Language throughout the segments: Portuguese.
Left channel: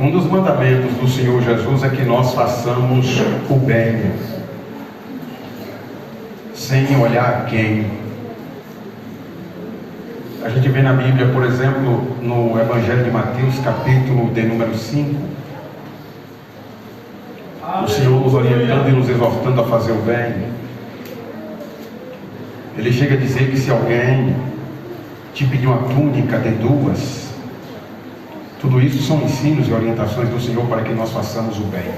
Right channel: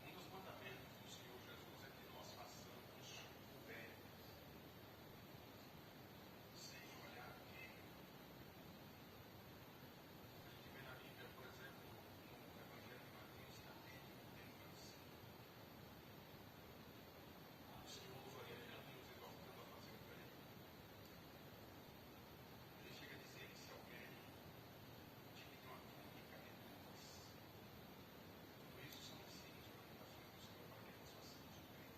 Um dos mandamentos do Senhor Jesus é que nós façamos o bem, sem olhar quem. A gente vê na Bíblia, por exemplo, no Evangelho de Mateus, capítulo de número 5, o Senhor nos orientando e nos exortando a fazer o bem. Ele chega a dizer que se alguém te pedir uma túnica de duas, tudo isso são ensinos e orientações do Senhor para que nós façamos o bem.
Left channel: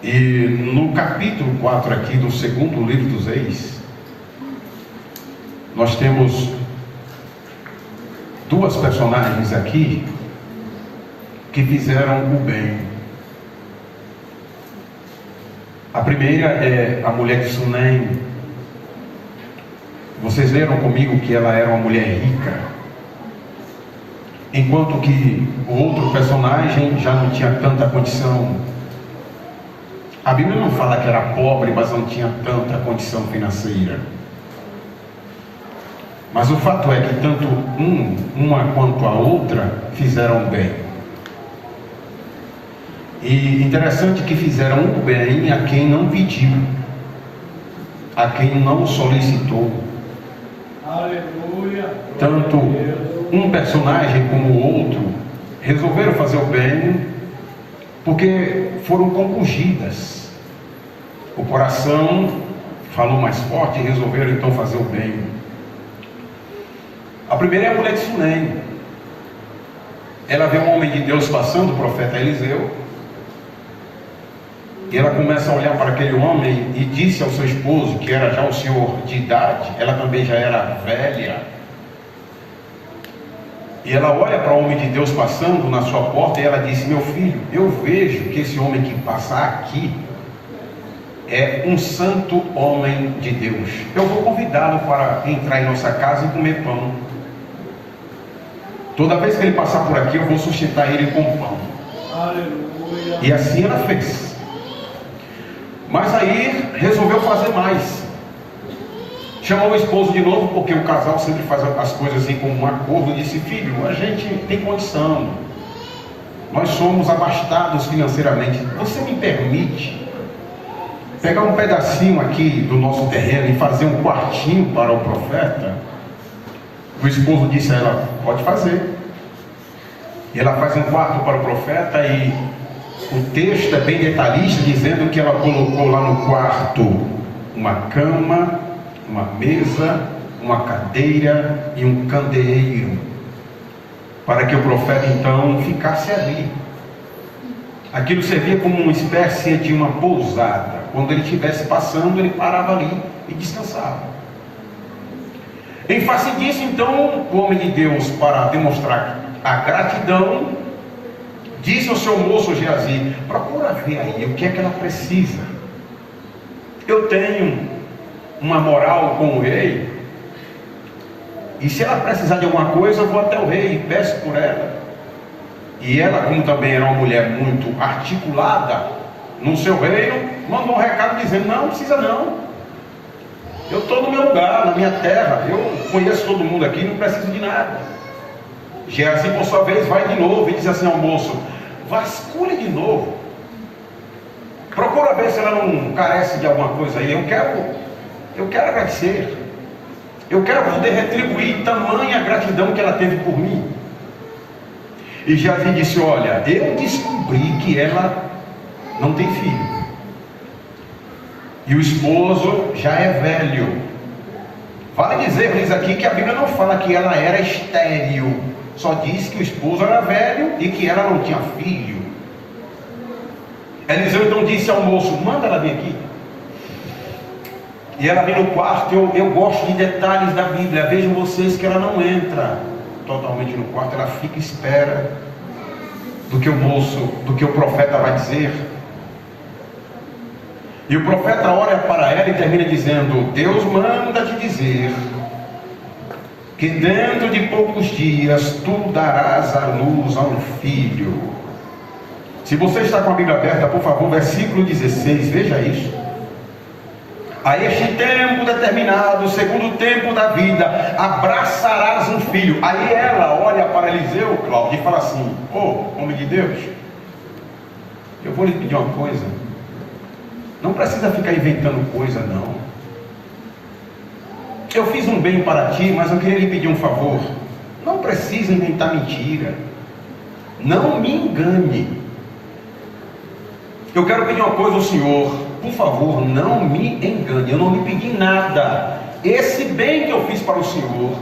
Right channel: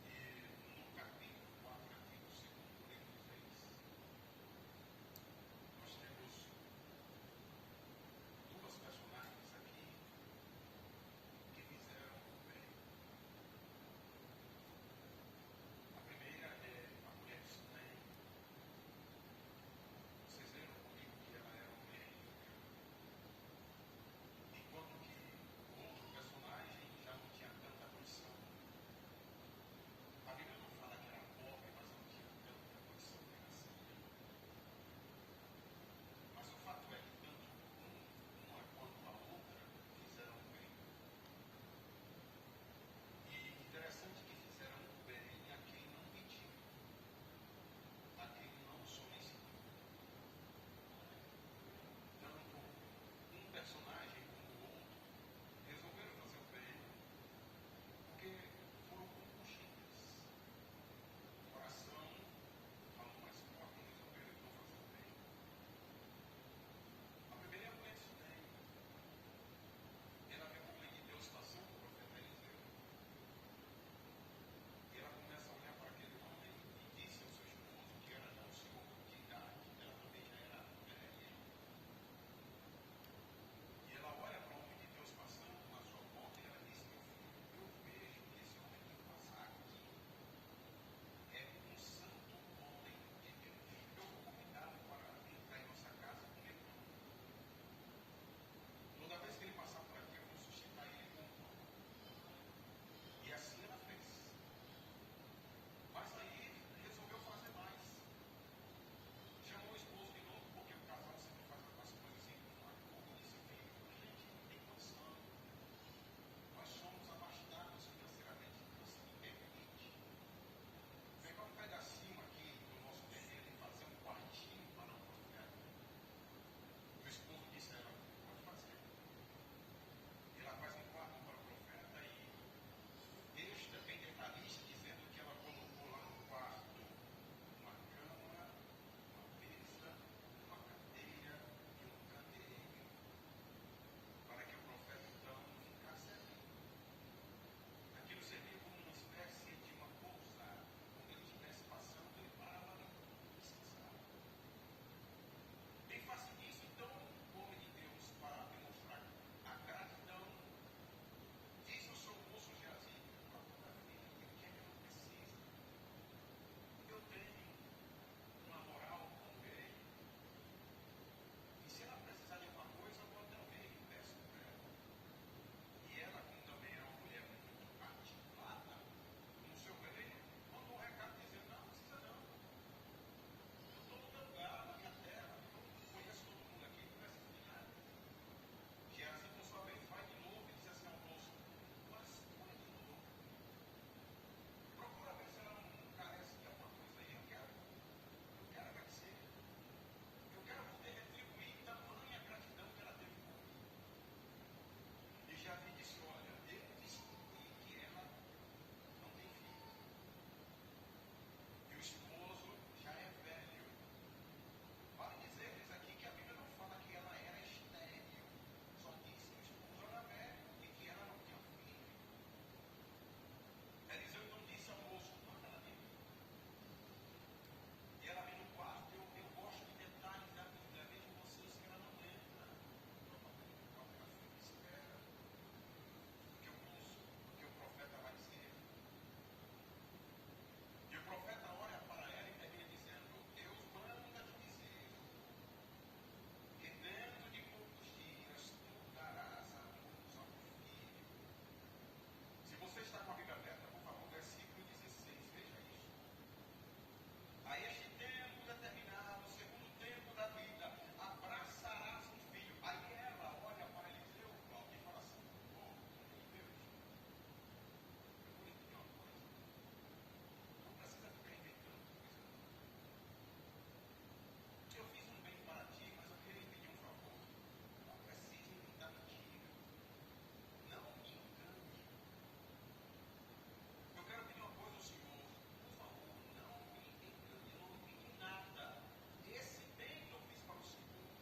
E no capítulo 4 aqui do segundo livro dos Reis, nós temos duas personagens aqui que fizeram o bem. A primeira é a mulher de Sunem. Vocês leram comigo que ela era uma mulher rica, enquanto que o outro personagem já não tinha tanta condição. A Bíblia não fala que era pobre, mas não tinha tanta condição financeira. Mas o fato é que tanto uma quanto a outra fizeram bem. E interessante que fizeram o bem a quem não pediu, a quem não solicitou. Aleluia. Tanto um personagem como o outro resolveram fazer o bem porque foram compungidas. O coração falou mais forte e resolveram então fazer o bem. A primeira é a mulher de Sunem. Ela vê um homem de Deus passando, o profeta Eliseu, e ela começa a olhar para aquele homem e disse ao seu esposo, que era já o senhor de idade, ela também já era velha, e ela olha para o homem de Deus passando na sua porta e ela disse: meu filho, eu vejo que esse homem que passa aqui é um santo homem de Deus. Eu vou convidá-lo para entrar em nossa casa e comer pão. Toda vez que ele passar por aqui, eu vou sustentar ele com pão. Aleluia. E assim ela fez. Mas aí resolveu fazer mais. Chamou o esposo de novo, porque o casal sempre faz as coisas assim com um acordo. Disse: filho, a gente tem condição, nós somos abastados financeiramente, você me permite pegar um pedacinho aqui do nosso terreno e fazer um quartinho para o profeta? O esposo disse a ela: pode fazer. E ela faz um quarto para o profeta, e o texto é bem detalhista, dizendo que ela colocou lá no quarto uma cama, uma mesa, uma cadeira e um candeeiro, para que o profeta então ficasse ali. Aquilo servia como uma espécie de uma pousada. Quando ele estivesse passando, ele parava ali e descansava. Em face disso, então, o homem de Deus, para demonstrar a gratidão, disse ao seu moço Geazi: procura ver aí o que é que ela precisa. Eu tenho uma moral com o rei, e se ela precisar de alguma coisa, eu vou até o rei e peço por ela. E ela, como também era uma mulher muito articulada no seu reino, mandou um recado dizendo: não precisa não, eu estou no meu lugar, na minha terra, eu conheço todo mundo aqui, não preciso de nada. Geazi, por sua vez, vai de novo e diz assim ao moço: vasculhe de novo, procura ver se ela não carece de alguma coisa aí. Eu quero agradecer, eu quero poder retribuir tamanha gratidão que ela teve por mim. E Geazi disse: olha, eu descobri que ela não tem filho, e o esposo já é velho. Vale dizer aqui que a Bíblia não fala que ela era estéril, só diz que o esposo era velho e que ela não tinha filho. Eliseu então disse ao moço: manda ela vir aqui. E ela vem no quarto. Eu gosto de detalhes da Bíblia. Vejam vocês que ela não entra totalmente no quarto, ela fica à espera do que o profeta vai dizer. E o profeta olha para ela e termina dizendo: Deus manda te dizer que dentro de poucos dias tu darás à luz a um filho. Se você está com a Bíblia aberta, por favor, versículo 16, veja isso. A este tempo determinado, segundo o tempo da vida, abraçarás um filho. Aí ela olha para Eliseu, Cláudio, e fala assim: homem de Deus, eu vou lhe pedir uma coisa. Não precisa ficar inventando coisa, não. Eu fiz um bem para ti, mas eu queria lhe pedir um favor. Não precisa inventar mentira. Não me engane. Eu quero pedir uma coisa ao Senhor. Por favor, não me engane. Eu não lhe pedi nada. Esse bem que eu fiz para o Senhor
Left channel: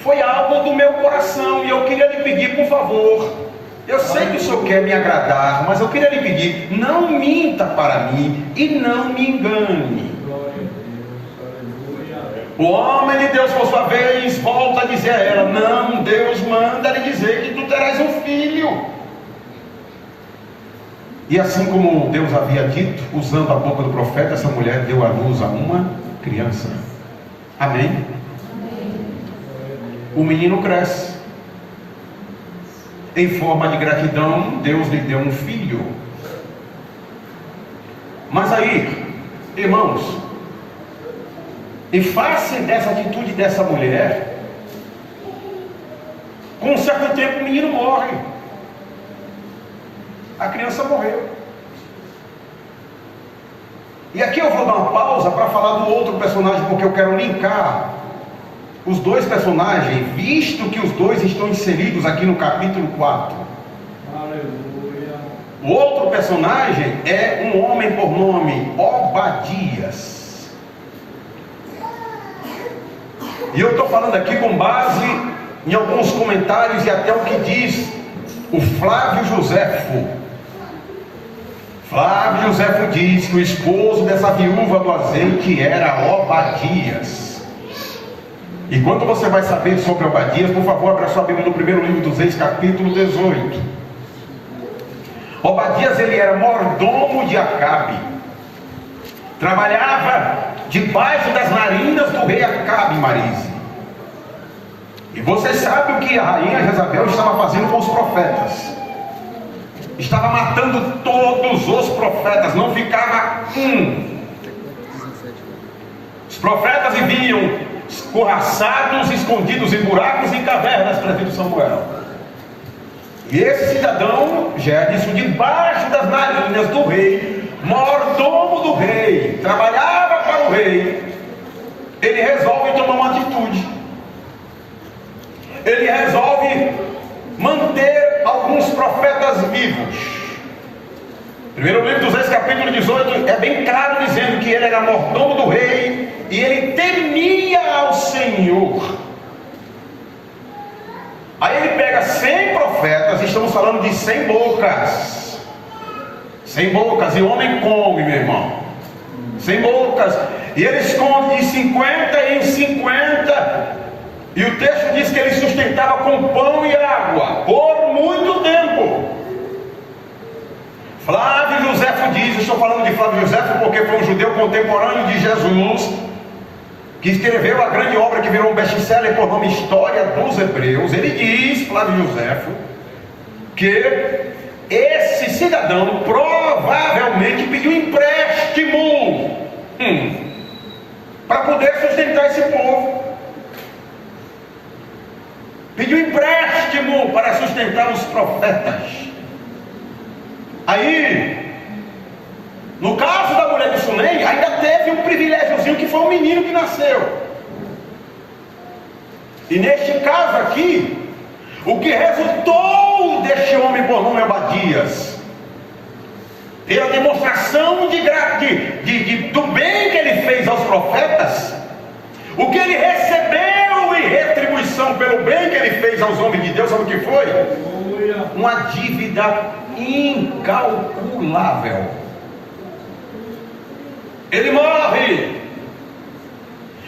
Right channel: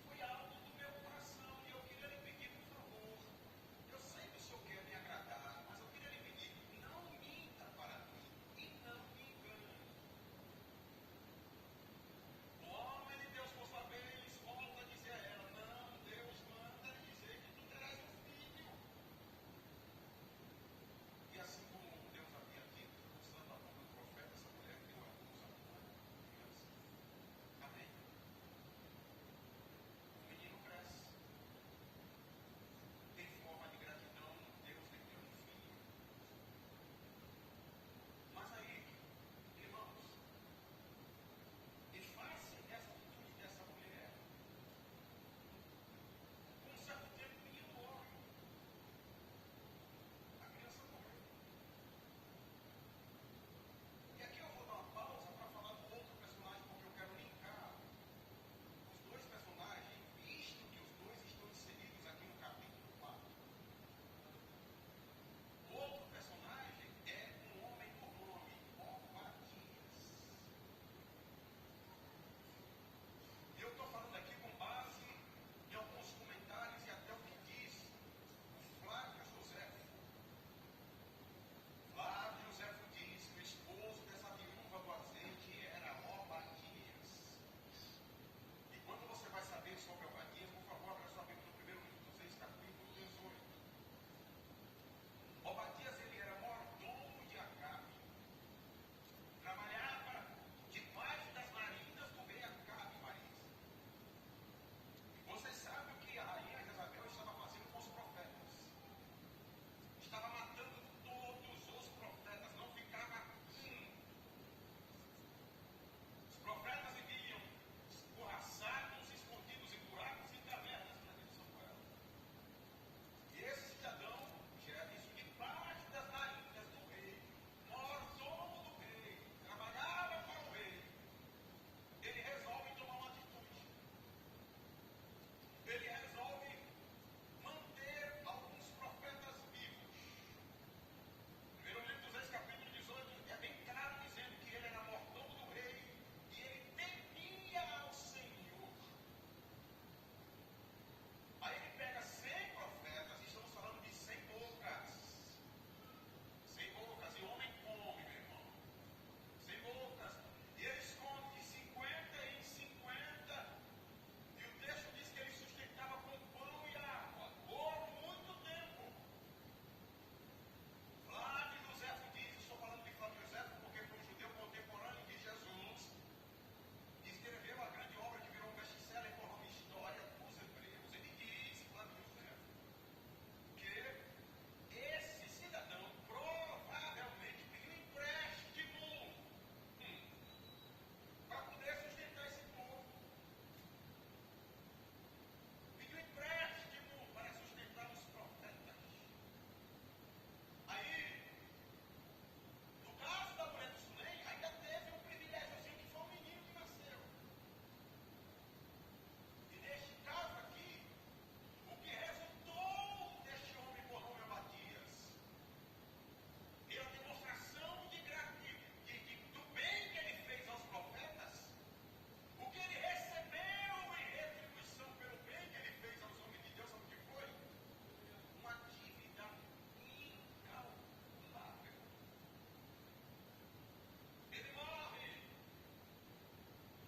foi algo do meu coração. E eu queria lhe pedir, por favor. Eu sei que o Senhor quer me agradar, mas eu queria lhe pedir, não minta para mim e não me engane. O homem de Deus, por sua vez, volta a dizer a ela: não, Deus manda lhe dizer que tu terás um filho. E assim como Deus havia dito, usando a boca do profeta, essa mulher deu à luz a uma criança. Amém? O menino cresce. Em forma de gratidão, Deus lhe deu um filho. Mas aí, irmãos, em face dessa atitude dessa mulher, com um certo tempo o menino morre. A criança morreu. E aqui eu vou dar uma pausa para falar do outro personagem, porque eu quero linkar os dois personagens, visto que os dois estão inseridos aqui no capítulo 4. Aleluia. O outro personagem é um homem por nome Obadias. E eu estou falando aqui com base em alguns comentários e até o que diz o Flávio Joséfo. Flávio Joséfo diz que o esposo dessa viúva do azeite era Obadias. E quando você vai saber sobre Obadias, por favor, abra sua Bíblia no primeiro livro dos Reis, capítulo 18. Obadias, ele era mordomo de Acabe. Trabalhava debaixo das narinas do rei Acabe, Marise. E você sabe o que a rainha Jezabel estava fazendo com os profetas. Estava matando todos os profetas, não ficava um. Os profetas viviam escorraçados, escondidos em buracos e cavernas, prefeito Samuel. E esse cidadão, já disse, debaixo das narinas do rei, mordomo do rei, trabalhava para o rei. Ele resolve tomar uma atitude. Ele resolve manter alguns profetas vivos. Primeiro livro dos Reis, capítulo 18, é bem claro dizendo que ele era mordomo do rei e ele temia ao Senhor. Aí ele pega 100 profetas, estamos falando de 100 bocas. 100 bocas, e o homem come, meu irmão. 100 bocas, e eles comem de 50 em 50. E o texto diz que ele sustentava com pão e água por muito tempo. Flávio Joséfo diz, eu estou falando de Flávio Joséfo porque foi um judeu contemporâneo de Jesus, que escreveu a grande obra que virou um best-seller por nome História dos Hebreus. Ele diz, Flávio Joséfo, que esse cidadão provavelmente pediu empréstimo para poder sustentar esse povo. Pediu empréstimo para sustentar os profetas. Aí, no caso da mulher de Sunem, ainda teve um privilégiozinho que foi um menino que nasceu. E neste caso aqui, o que resultou deste homem por nome Obadias, pela demonstração do bem que ele fez aos profetas, o que ele recebeu em retribuição pelo bem que ele fez aos homens de Deus, sabe o que foi? Uma dívida incalculável. Ele morre,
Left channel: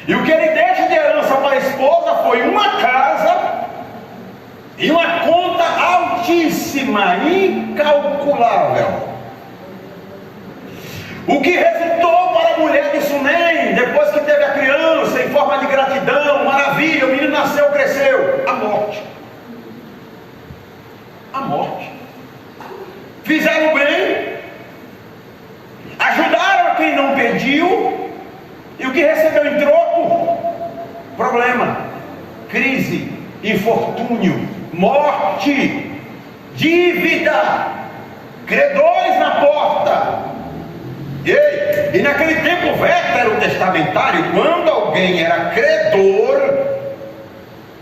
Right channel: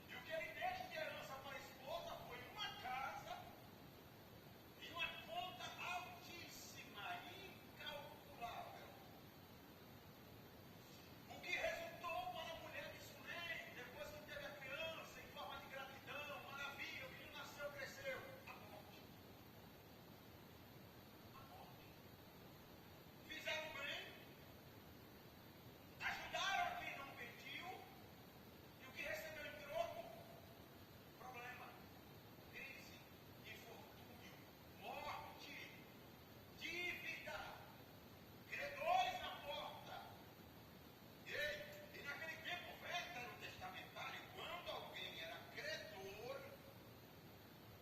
e o que ele deixa de herança para a esposa foi uma casa e uma conta altíssima, incalculável. O que resultou para a mulher de Sunem, depois que teve a criança, em forma de gratidão, maravilha, o menino nasceu, cresceu, a morte. A morte. Fizeram bem, ajudaram a quem não pediu, e o que recebeu em troco? Problema, crise. crise, infortúnio, morte, dívida, credores na porta. E naquele tempo veterotestamentário, quando alguém era credor,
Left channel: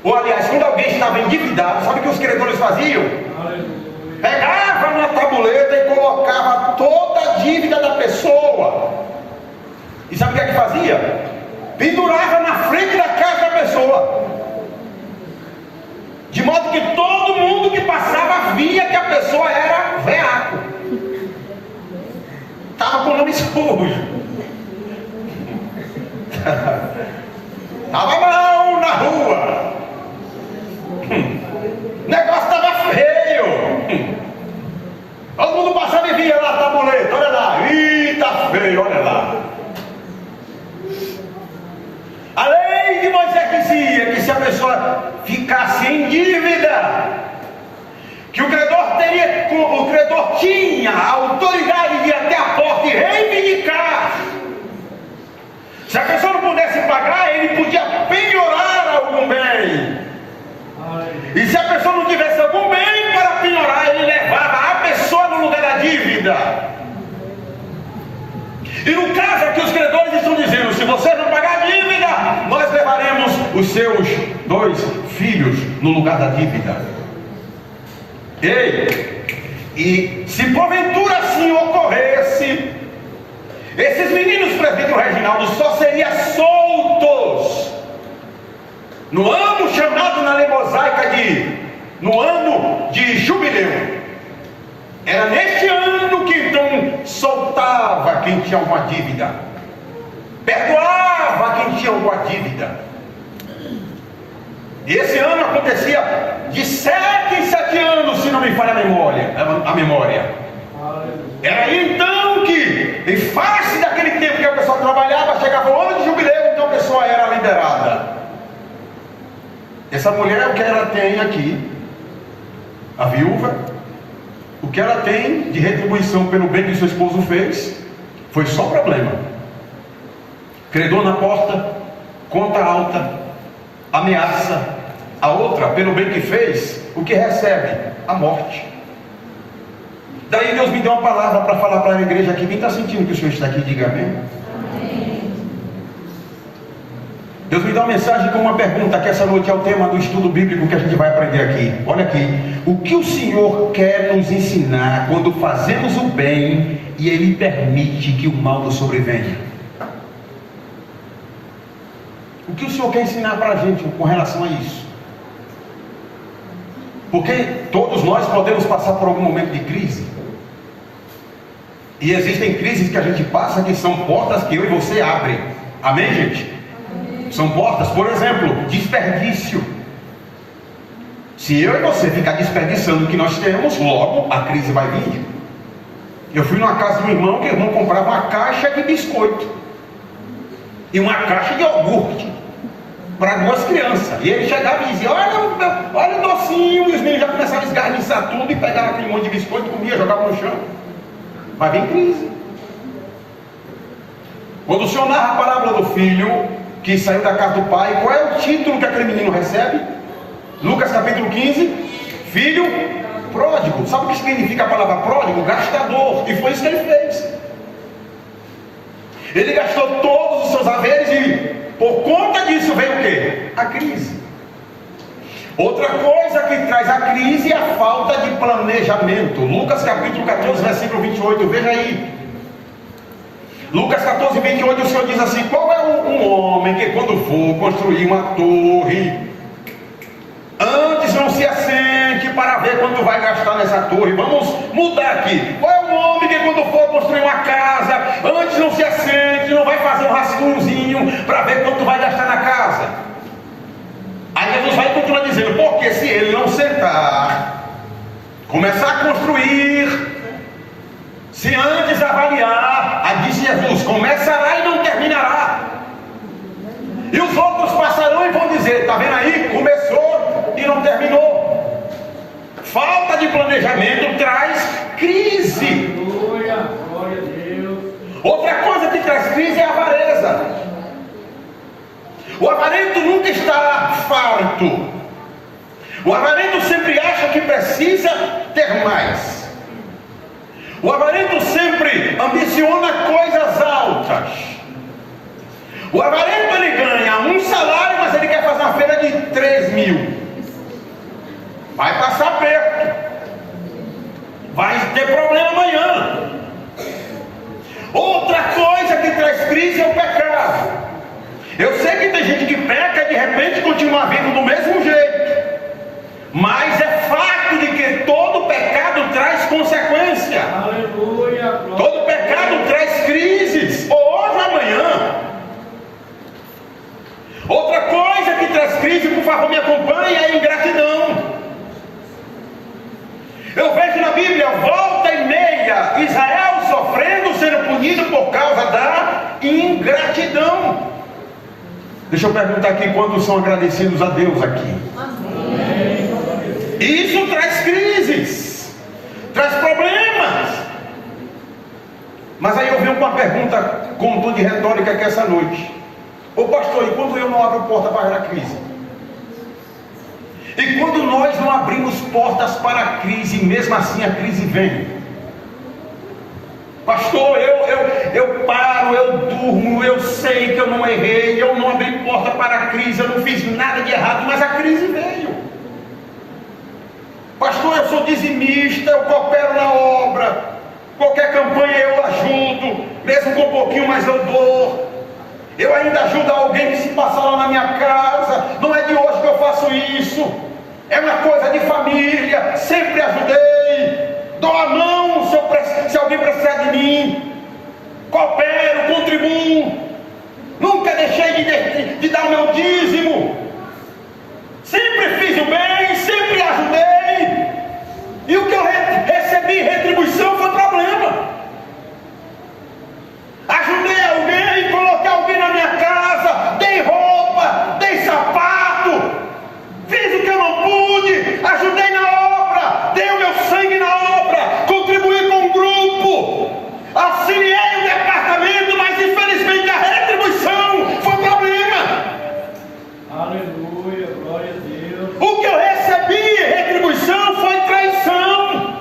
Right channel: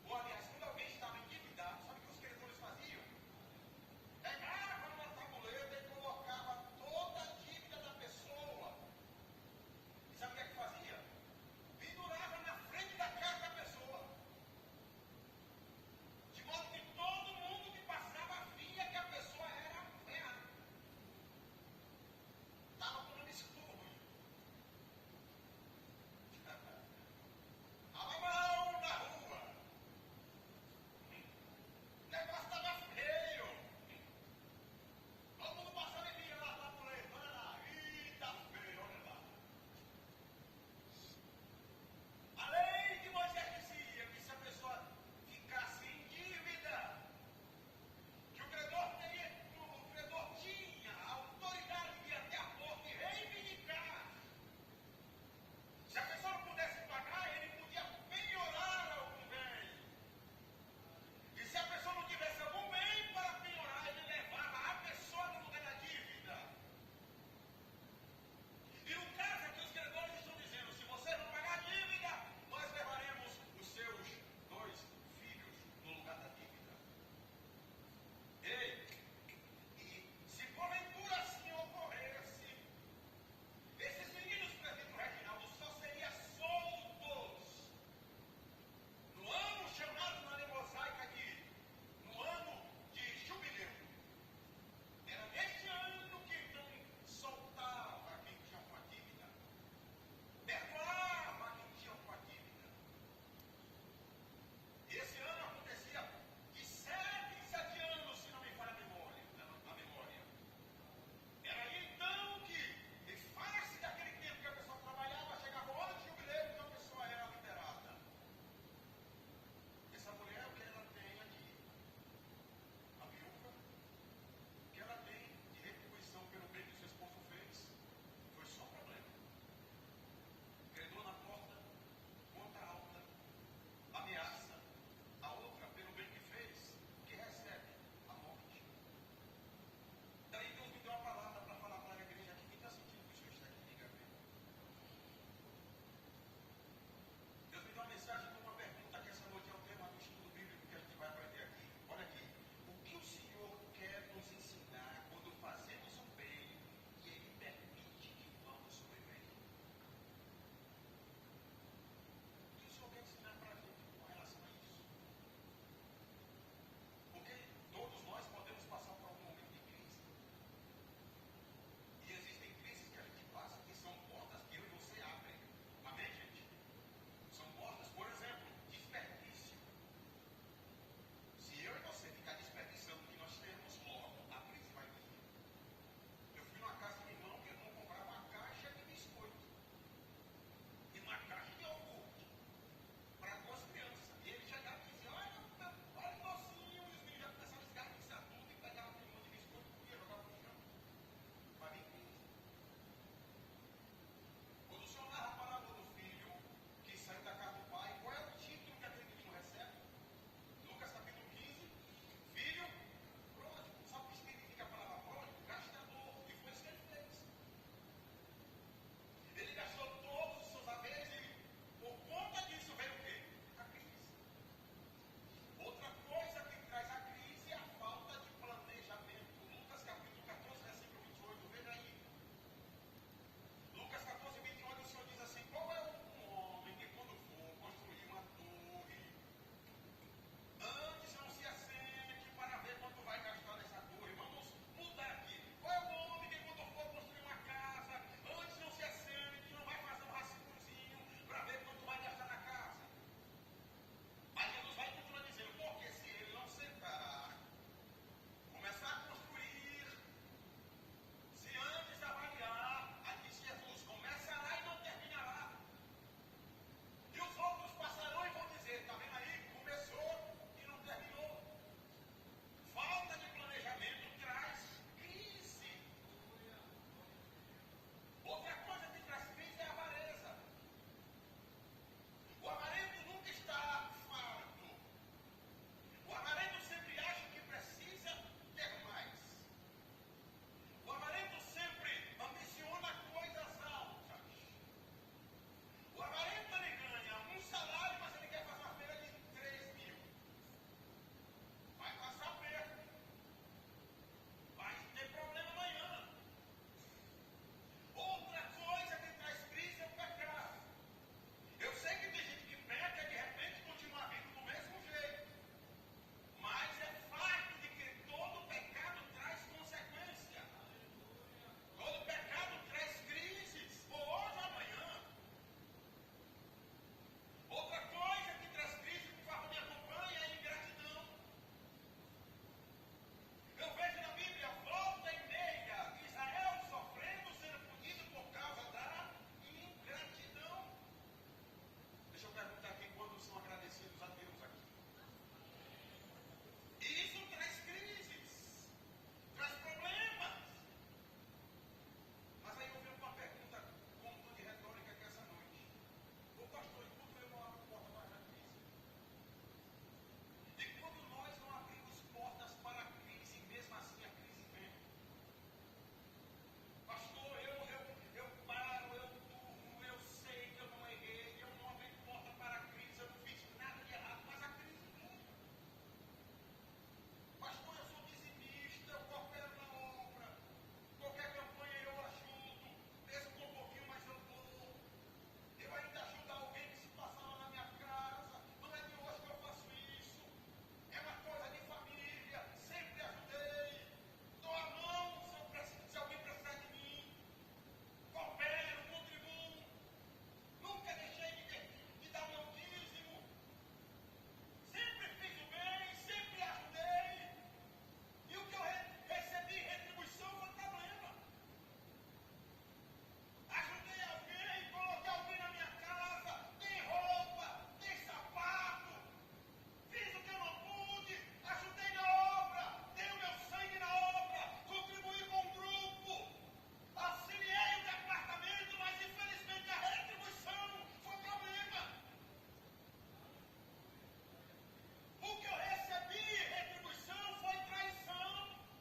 ou aliás, quando alguém estava endividado, sabe o que os credores faziam? Pegava uma tabuleta e colocava toda a dívida da pessoa. E sabe o que é que fazia? Pendurava na frente da casa da pessoa. De modo que todo mundo que passava via que a pessoa era veaco. Estava com o nome sujo. Estava mal na rua. O negócio estava feio. Todo mundo passava e via lá a tabuleta. Olha lá. Ih, tá feio, olha lá. A lei de Moisés dizia que se a pessoa ficasse em dívida, que o credor tinha a autoridade de ir até a porta e reivindicar. Se a pessoa não pudesse pagar, ele podia penhorar algum bem. E se a pessoa não tivesse algum bem para penhorar, ele levava a pessoa no lugar da dívida. E no caso aqui os credores estão dizendo: se você não pagar a dívida, nós levaremos os seus 2 filhos no lugar da dívida. E se porventura assim ocorresse, esses meninos, presbítero Reginaldo, só seriam soltos no ano chamado na lei mosaica no ano de jubileu. Era neste ano que então soltava quem tinha alguma dívida, perdoava quem tinha alguma dívida. E esse ano acontecia de 7 em 7 anos, se não me falha a memória. Era aí então que, em face daquele tempo que a pessoa trabalhava, chegava o ano de jubileu, então a pessoa era liberada. Essa mulher, o que ela tem aqui, a viúva, o que ela tem de retribuição pelo bem que seu esposo fez, foi só problema. Credor na porta, conta alta, ameaça. A outra, pelo bem que fez, o que recebe? A morte. Daí Deus me deu uma palavra para falar para a igreja aqui. Quem está sentindo que o Senhor está aqui, diga amém. Deus me dá uma mensagem com uma pergunta, que essa noite é o tema do estudo bíblico que a gente vai aprender aqui. Olha aqui: o que o Senhor quer nos ensinar quando fazemos o bem e Ele permite que o mal nos sobrevenha? O que o Senhor quer ensinar para a gente com relação a isso? Porque todos nós podemos passar por algum momento de crise. E existem crises que a gente passa que são portas que eu e você abrem. Amém, gente? São portas, por exemplo, desperdício. Se eu e você ficar desperdiçando o que nós temos, logo a crise vai vir. Eu fui numa casa de um irmão, que o irmão comprava uma caixa de biscoito e uma caixa de iogurte para 2 crianças. E ele chegava e dizia: olha o docinho. E os meninos já começavam a esgarniçar tudo e pegavam aquele monte de biscoito, comia, jogava no chão. Vai vir crise. Quando o Senhor narra a parábola do filho que saiu da casa do pai, qual é o título que aquele menino recebe? Lucas capítulo 15: filho pródigo. Sabe o que significa a palavra pródigo? Gastador. E foi isso que ele fez. Ele gastou todos os seus haveres e por conta disso veio o quê? A crise. Outra coisa que traz a crise é a falta de planejamento. Lucas capítulo 14, versículo 28, veja aí. Lucas 14, 28, o Senhor diz assim: qual é um homem que quando for construir uma torre, antes não se assente para ver quanto vai gastar nessa torre? Vamos mudar aqui. Qual é um homem que quando for construir uma casa, antes não se assente, não vai fazer um rascunhozinho para ver quanto vai gastar na casa? Aí Jesus vai continuar dizendo: porque se ele não sentar, começar a construir, se antes avaliar, aí disse Jesus, começará e não terminará. E os outros passarão e vão dizer: está vendo aí? Começou e não terminou. Falta de planejamento traz crise. Aleluia, glória a Deus. Outra coisa que traz crise é a avareza. O avarento nunca está farto. O avarento sempre acha que precisa ter mais. O avarento sempre ambiciona coisas altas. O avarento ele ganha um salário, mas ele quer fazer uma feira de 3.000. Vai passar perto. Vai ter problema amanhã. Outra coisa que traz crise é o pecado. Eu sei que tem gente que peca e de repente continua vindo do mesmo jeito. Mas é fato de que todo pecado traz consequência. Aleluia. Todo pecado traz crises, ou hoje ou amanhã. Outra coisa que traz crise, por favor me acompanhe, é a ingratidão. Eu vejo na Bíblia, volta e meia, Israel sofrendo, sendo punido por causa da ingratidão. Deixa eu perguntar aqui, quantos são agradecidos a Deus aqui? Amém. Isso traz crises, traz problemas. Mas aí eu venho com uma pergunta com tom de retórica aqui essa noite. Ô pastor, e quando eu não abro porta para a crise? E quando nós não abrimos portas para a crise, mesmo assim a crise vem? Pastor, eu paro, eu durmo, eu sei que eu não errei, eu não abri porta para a crise, eu não fiz nada de errado, mas a crise veio. Pastor, eu sou dizimista, eu coopero na obra, qualquer campanha eu ajudo, mesmo com um pouquinho, mas eu dou. Eu ainda ajudo alguém que se passar lá na minha casa, não é de hoje que eu faço isso, é uma coisa de família, sempre ajudei, dou a mão se alguém precisar de mim, coopero, contribuo, nunca deixei de dar o meu dízimo, sempre fiz o bem, sempre ajudei, e o que eu recebi retribuição foi problema. Ajudei alguém, coloquei alguém na minha casa, dei roupa, dei sapato, fiz o que eu não pude, ajudei na obra, dei o meu sangue na obra, contribuí com o grupo, auxiliei o departamento, mas infelizmente a retribuição foi problema. Aleluia, glória a Deus. O que eu recebi, retribuição, foi traição.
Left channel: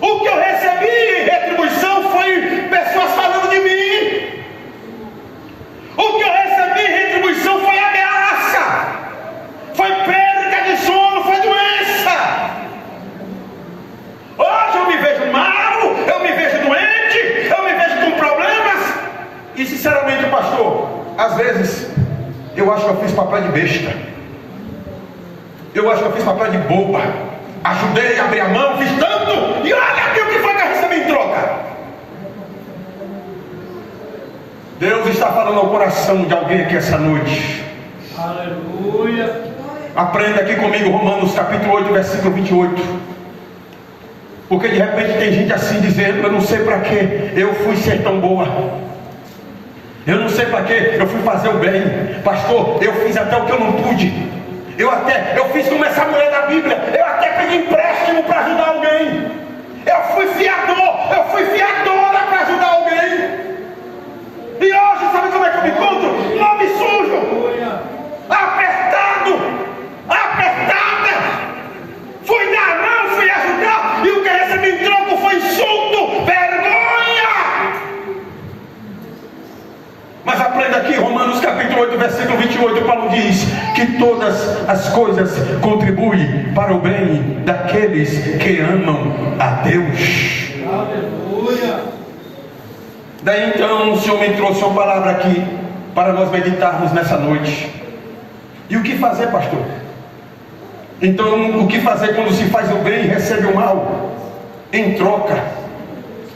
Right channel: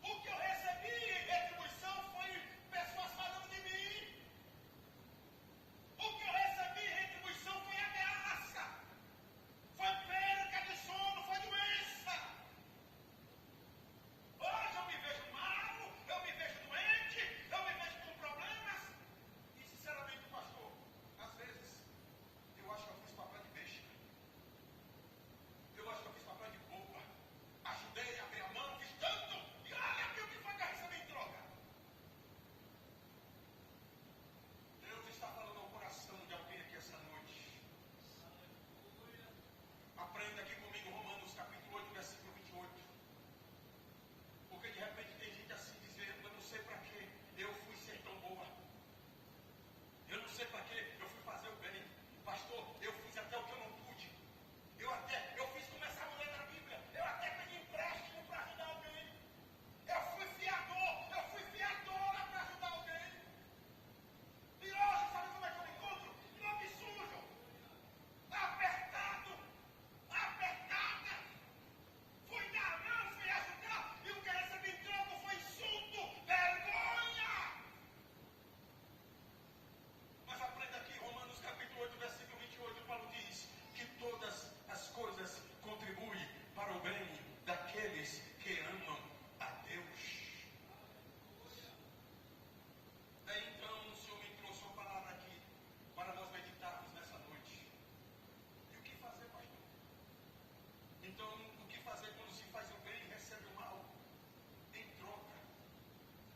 O que eu recebi, retribuição, foi pessoas falando de mim. O que eu recebi, retribuição, foi ameaça, foi perda de sono, foi doença. Hoje eu me vejo mal, eu me vejo doente, eu me vejo com problemas. E sinceramente, pastor, às vezes eu acho que eu fiz papel de besta, eu acho que eu fiz papel de boba. Ajudei, abri a mão, fiz tanto, e olha aqui o que foi que eu recebi em troca. Deus está falando ao coração de alguém aqui essa noite. Aleluia. Aprenda aqui comigo Romanos capítulo 8, versículo 28. Porque de repente tem gente assim dizendo: eu não sei para que eu fui ser tão boa, eu não sei para que eu fui fazer o bem. Pastor, eu fiz até o que eu não pude. Eu fiz como essa mulher da Bíblia, eu até pedi empréstimo para ajudar alguém. Eu fui fiadora para ajudar alguém. E hoje, sabe como é que eu me encontro? Nome sujo, Aleluia. apertada. Fui dar a mão, fui ajudar, e o que recebi em troco foi insulto, vergonha. Mas aprenda aqui, Romanos capítulo 8, versículo 28, Paulo diz que todas as coisas contribuem para o bem daqueles que amam a Deus. Aleluia. Daí então o Senhor me trouxe uma palavra aqui para nós meditarmos nessa noite. E o que fazer, pastor? Então, o que fazer quando se faz o bem e recebe o mal? Em troca,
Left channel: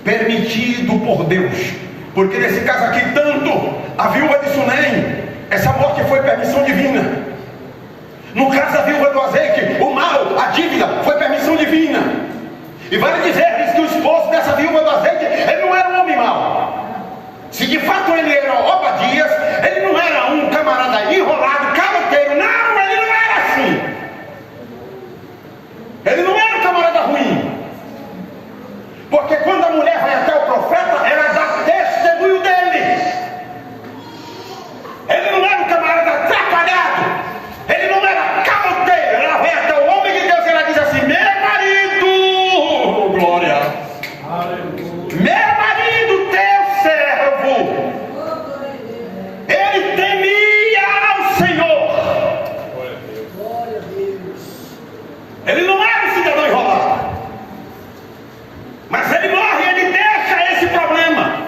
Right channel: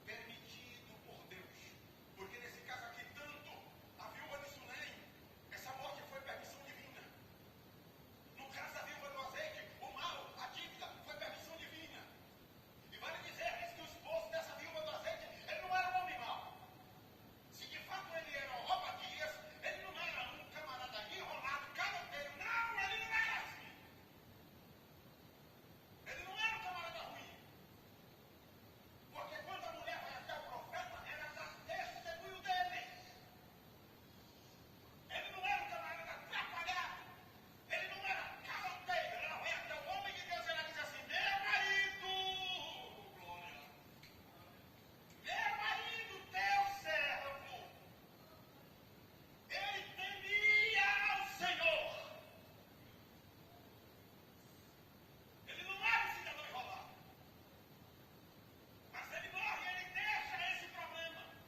permitido por Deus. Porque nesse caso aqui, tanto a viúva de Sunem, essa morte foi permissão divina. No caso da viúva do azeite, o mal, a dívida, foi permissão divina. E vale dizer-lhes que o esposo dessa viúva do azeite, ele não era um homem mau. Se de fato ele era Obadias, ele não era um camarada enrolado, caloteiro, não, ele não era assim. Ele não era um camarada ruim. Porque quando a mulher vai até o profeta, ela dá testemunho dele. Ele não era um camarada atrapalhado, ele não era caloteiro. Ele não era um cidadão enrolado. Mas ele morre e ele deixa esse problema.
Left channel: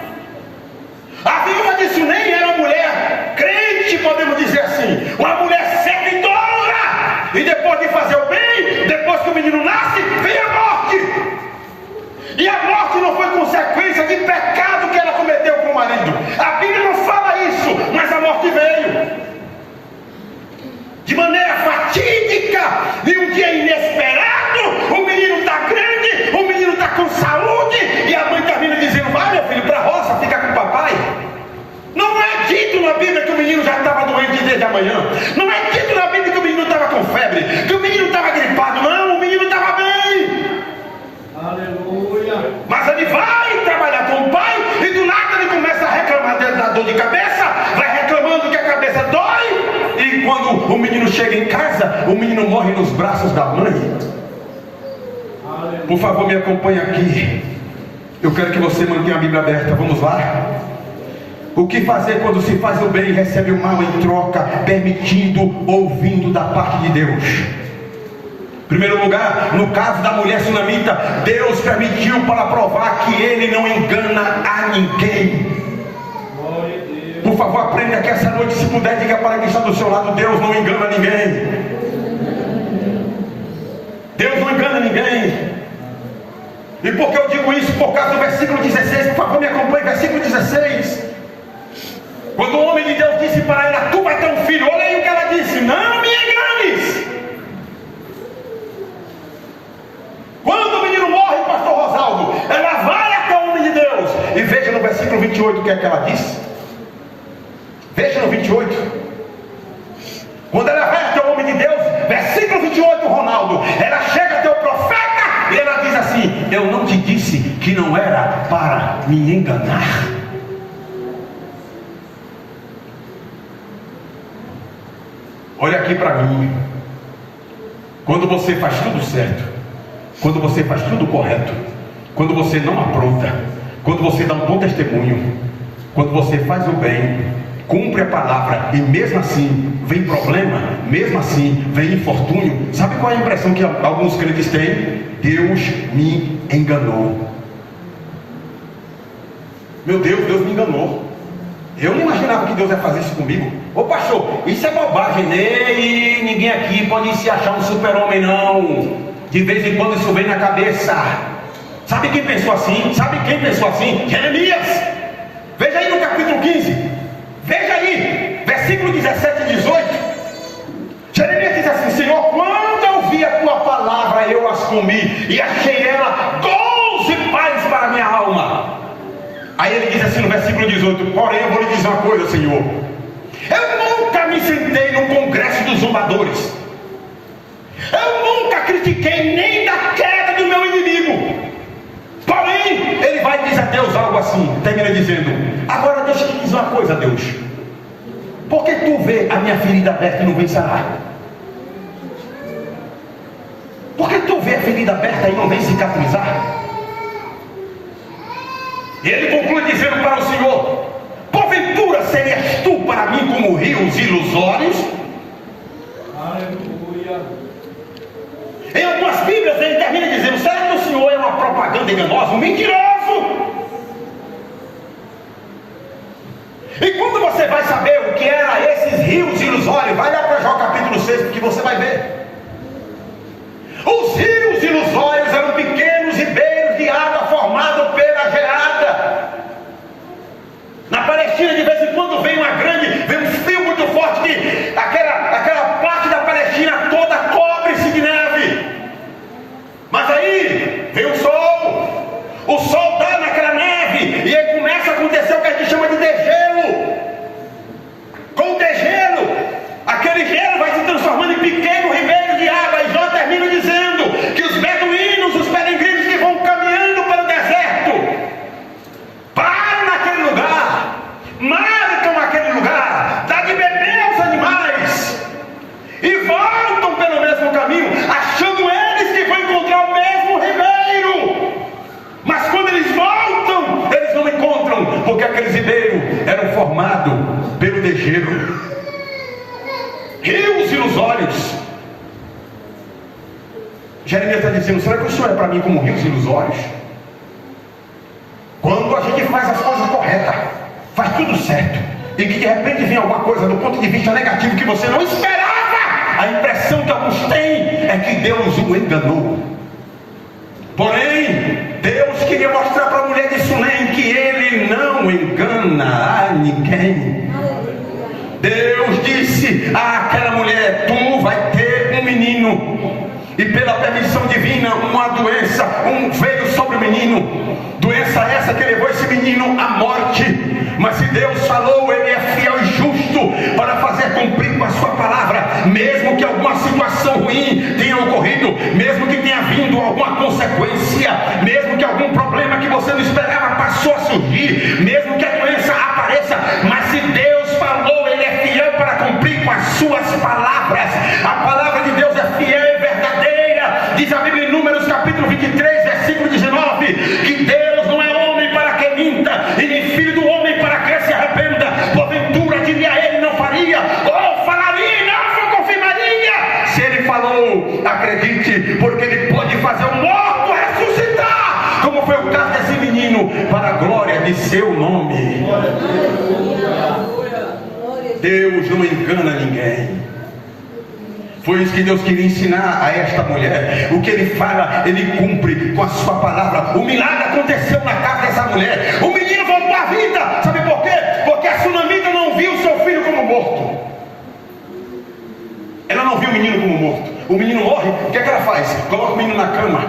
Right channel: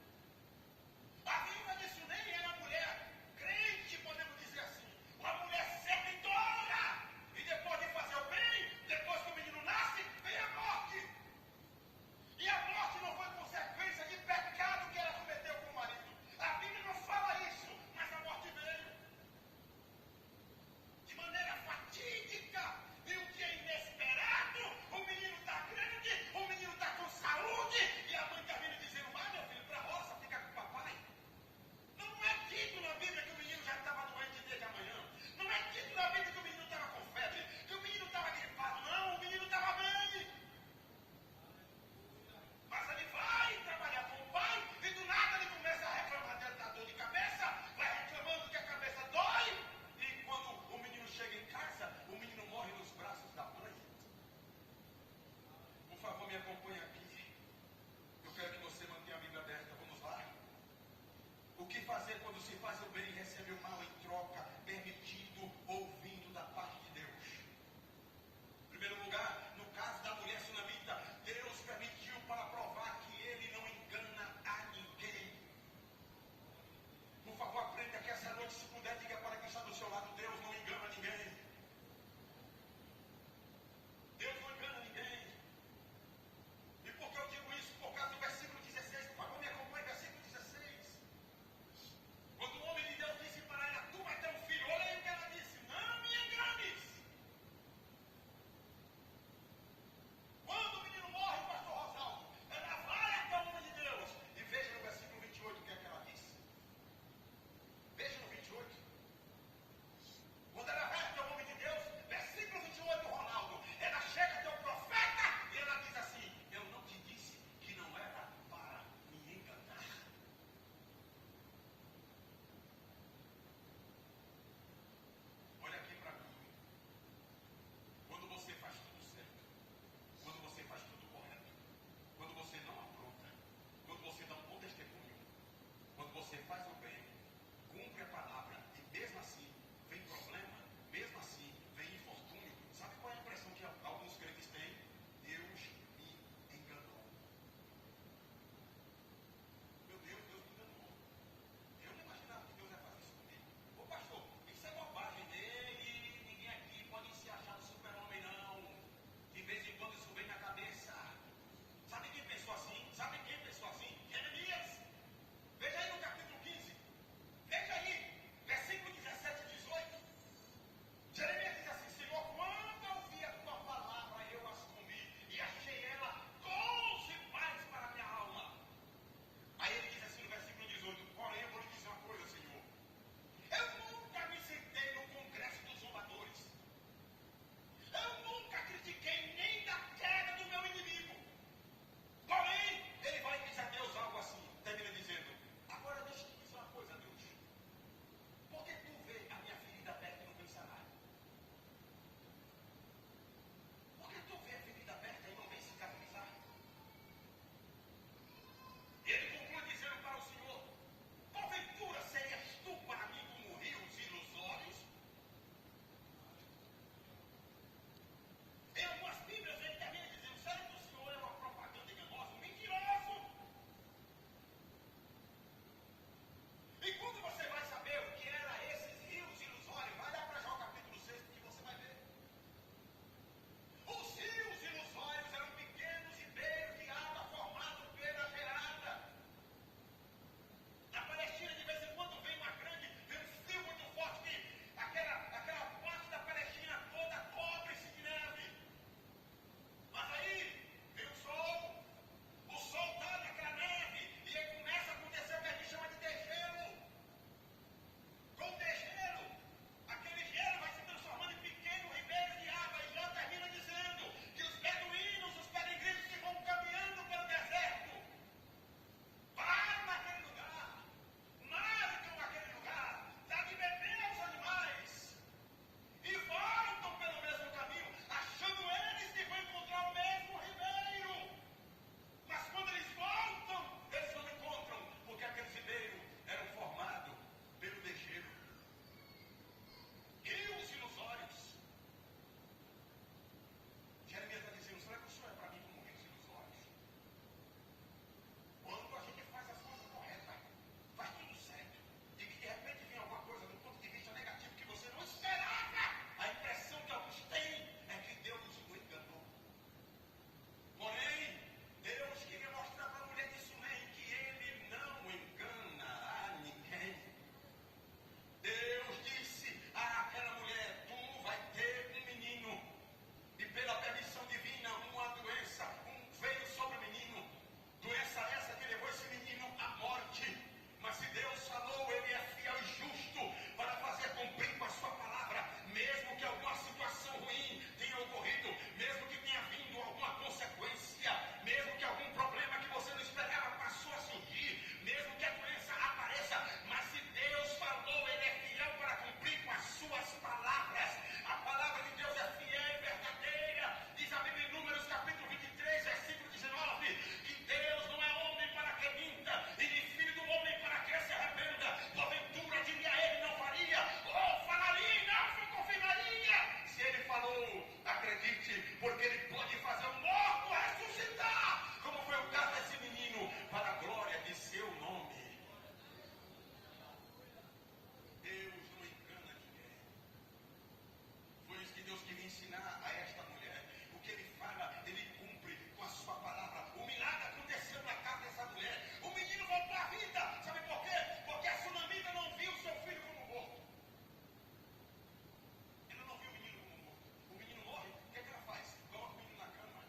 A viúva de Sunem era uma mulher crente, podemos dizer assim, uma mulher seguidora. E depois de fazer o bem, depois que o menino nasce, vem a morte. E a morte não foi consequência de pecado que ela cometeu com o marido. A Bíblia não fala isso, mas a morte veio de maneira fatídica, e um dia inesperado. O menino está grande, o menino está com saúde, e a mãe termina dizendo: vai, meu filho, para a roça, fica com o papai. Não é dito na Bíblia que o menino já estava doente desde a manhã. Não é dito na Bíblia que o menino estava com febre, que o menino estava gripado. Não, o menino estava bem. Aleluia. Mas ele vai trabalhar com o pai, e do nada ele começa a reclamar da dor de cabeça, vai reclamando que a cabeça dói, e quando o menino chega em casa, o menino morre nos braços da mãe. Aleluia. Por favor, me acompanhe aqui. Eu quero que você mantenha a Bíblia aberta. Vamos lá. O que fazer quando se faz o bem e recebe o mal em troca, permitindo, ouvindo da parte de Deus? Em primeiro lugar, no caso da mulher sunamita, Deus permitiu para provar que Ele não engana a ninguém. Glória a Deus. Por favor, aprenda que essa noite, se puder, diga para quem está do seu lado: Deus não engana ninguém. Deus não engana ninguém. E por que eu digo isso? Por causa do versículo 16. Por favor, me acompanhe, versículo 16. Quando o homem de Deus disse para ela: tu vai ter um filho. Olha aí o que ela disse: não me enganes. Quando o menino morre, pastor Rosaldo, ela vai até o homem de Deus. E veja no versículo 28 o que é que ela diz. Veja no 28. Quando ela vai até o homem de Deus, versículo 28, Ronaldo, ela chega até o profeta e ela diz assim: eu não te disse que não era para me enganar? Olha aqui para mim. Quando você faz tudo certo, quando você faz tudo correto, quando você não apronta, quando você dá um bom testemunho, quando você faz o bem, cumpre a palavra, e mesmo assim vem problema, mesmo assim vem infortúnio, sabe qual é a impressão que alguns crentes têm? Deus me enganou. Meu Deus, Deus me enganou. Eu não imaginava que Deus ia fazer isso comigo. Ô pastor, isso é bobagem, e ninguém aqui pode se achar um super-homem não. De vez em quando isso vem na cabeça. Sabe quem pensou assim? Sabe quem pensou assim? Jeremias. Veja aí no capítulo 15. Veja aí, versículo 17 e 18. Jeremias diz assim: Senhor, quando eu vi a tua palavra, eu as comi, e achei ela doce paz para a minha alma. Aí ele diz assim no versículo 18: porém eu vou lhe dizer uma coisa, Senhor, eu nunca me sentei no congresso dos zombadores, eu nunca critiquei nem da queda do meu inimigo. Porém, ele vai dizer a Deus algo assim, termina dizendo: agora deixa eu te dizer uma coisa, Deus, por que tu vê a minha ferida aberta e não vem sarar? Por que tu vê a ferida aberta e não vem cicatrizar? E ele conclui dizendo para o Senhor: porventura serias tu para mim como rios ilusórios? Aleluia. Em algumas Bíblias ele termina dizendo: será que o Senhor é uma propaganda enganosa, um mentiroso? E quando você vai saber o que eram esses rios ilusórios, vai lá para Jó capítulo 6, porque você vai ver. Os rios ilusórios eram pequenos ribeiros de água formados pela geada. Na Palestina, de vez em quando vem um frio muito forte, que aquela parte da Palestina toda cobre-se de neve. Mas aí vem o sol dá naquela neve, e aí começa a acontecer o que a gente chama de degelo. Com o degelo, aquele gelo vai se transformando em pequeno ribeiro de água. E Jó termina dizendo que os beduínos, os peregrinos que vão caminhando pelo deserto, param naquele lugar, marcam aquele lugar, dá de beber aos animais e voltam pelo mesmo caminho, achando eles que vão encontrar o mesmo ribeiro. Mas quando eles voltam, eles não encontram, porque aqueles ribeiros eram formados pelo degelo. Rios ilusórios. Jeremias está dizendo: será que o Senhor é para mim como rios ilusórios? Quando a gente faz as coisas corretas, faz tudo certo, e que de repente vem alguma coisa do ponto de vista negativo que você não esperava, a impressão que alguns têm é que Deus o enganou. Porém, Deus queria mostrar para a mulher de Sunem que Ele não engana a ninguém. Deus disse àquela mulher: tu vai ter um menino, e pela permissão divina uma doença veio sobre o menino. Doença essa que levou esse menino à morte. Mas se Deus falou, Ele é fiel e justo para fazer cumprir com a sua palavra. Mesmo que alguma situação ruim tenha ocorrido, mesmo que tenha vindo alguma consequência, mesmo que algum problema que você não esperava passou a surgir, mesmo que a doença apareça, mas se Deus falou, Ele é fiel para cumprir com as suas palavras. A palavra de Deus é fiel e verdadeira. Diz a Bíblia em Números capítulo 23, versículo 19, que Deus não é homem para que minta, e nem filho do homem para que se arrependa. Porventura diria Ele, não faria, ou falaria e não confirmaria. Se Ele falou, acredite, porque Ele pode fazer o morto ressuscitar, como foi o caso desse menino, para a glória de seu nome. Deus não engana ninguém. Foi isso que Deus queria ensinar a esta mulher. O que Ele fala, Ele cumpre com a sua palavra. O milagre aconteceu na casa dessa mulher. O menino voltou à vida. Sabe por quê? Porque a sunamita não viu seu filho como morto. Ela não viu o menino como morto. O menino morre, o que é que ela faz? Coloca o menino na cama.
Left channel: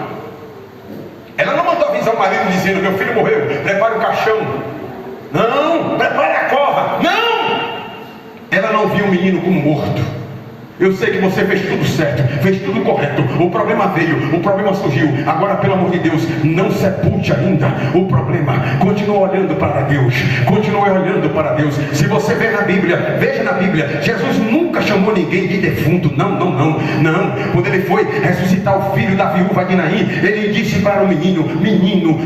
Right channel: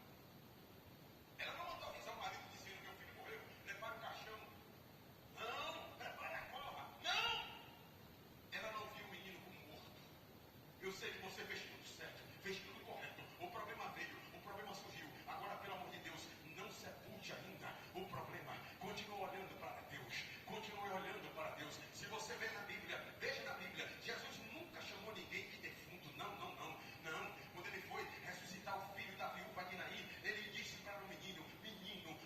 Ela não mandou avisar o marido dizendo: meu filho morreu, prepare o caixão. Não, prepare a cova. Não! Ela não viu o menino como morto. Eu sei que você fez tudo certo, fez tudo correto. O problema veio, o problema surgiu. Agora, pelo amor de Deus, não sepulte ainda o problema. Continua olhando para Deus. Continue olhando para Deus. Se você vê na Bíblia, veja na Bíblia, Jesus nunca chamou ninguém de defunto. Não. Quando Ele foi ressuscitar o filho da viúva de Naim, Ele disse para o menino,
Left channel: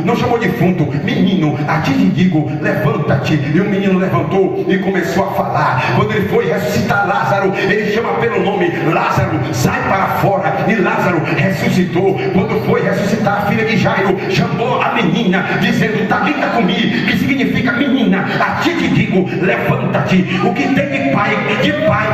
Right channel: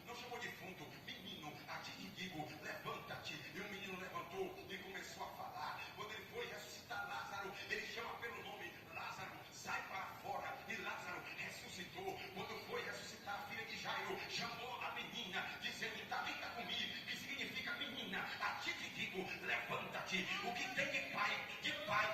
não chamou de defunto, menino, a ti te digo, levanta-te. E o menino levantou e começou a falar. Quando Ele foi ressuscitar Lázaro, Ele chama pelo nome: Lázaro, sai para fora. E Lázaro ressuscitou. Quando foi ressuscitar a filha de Jairo, chamou a menina, dizendo: Tabita comi, que significa menina, a ti te digo, levanta-te. O que tem de pai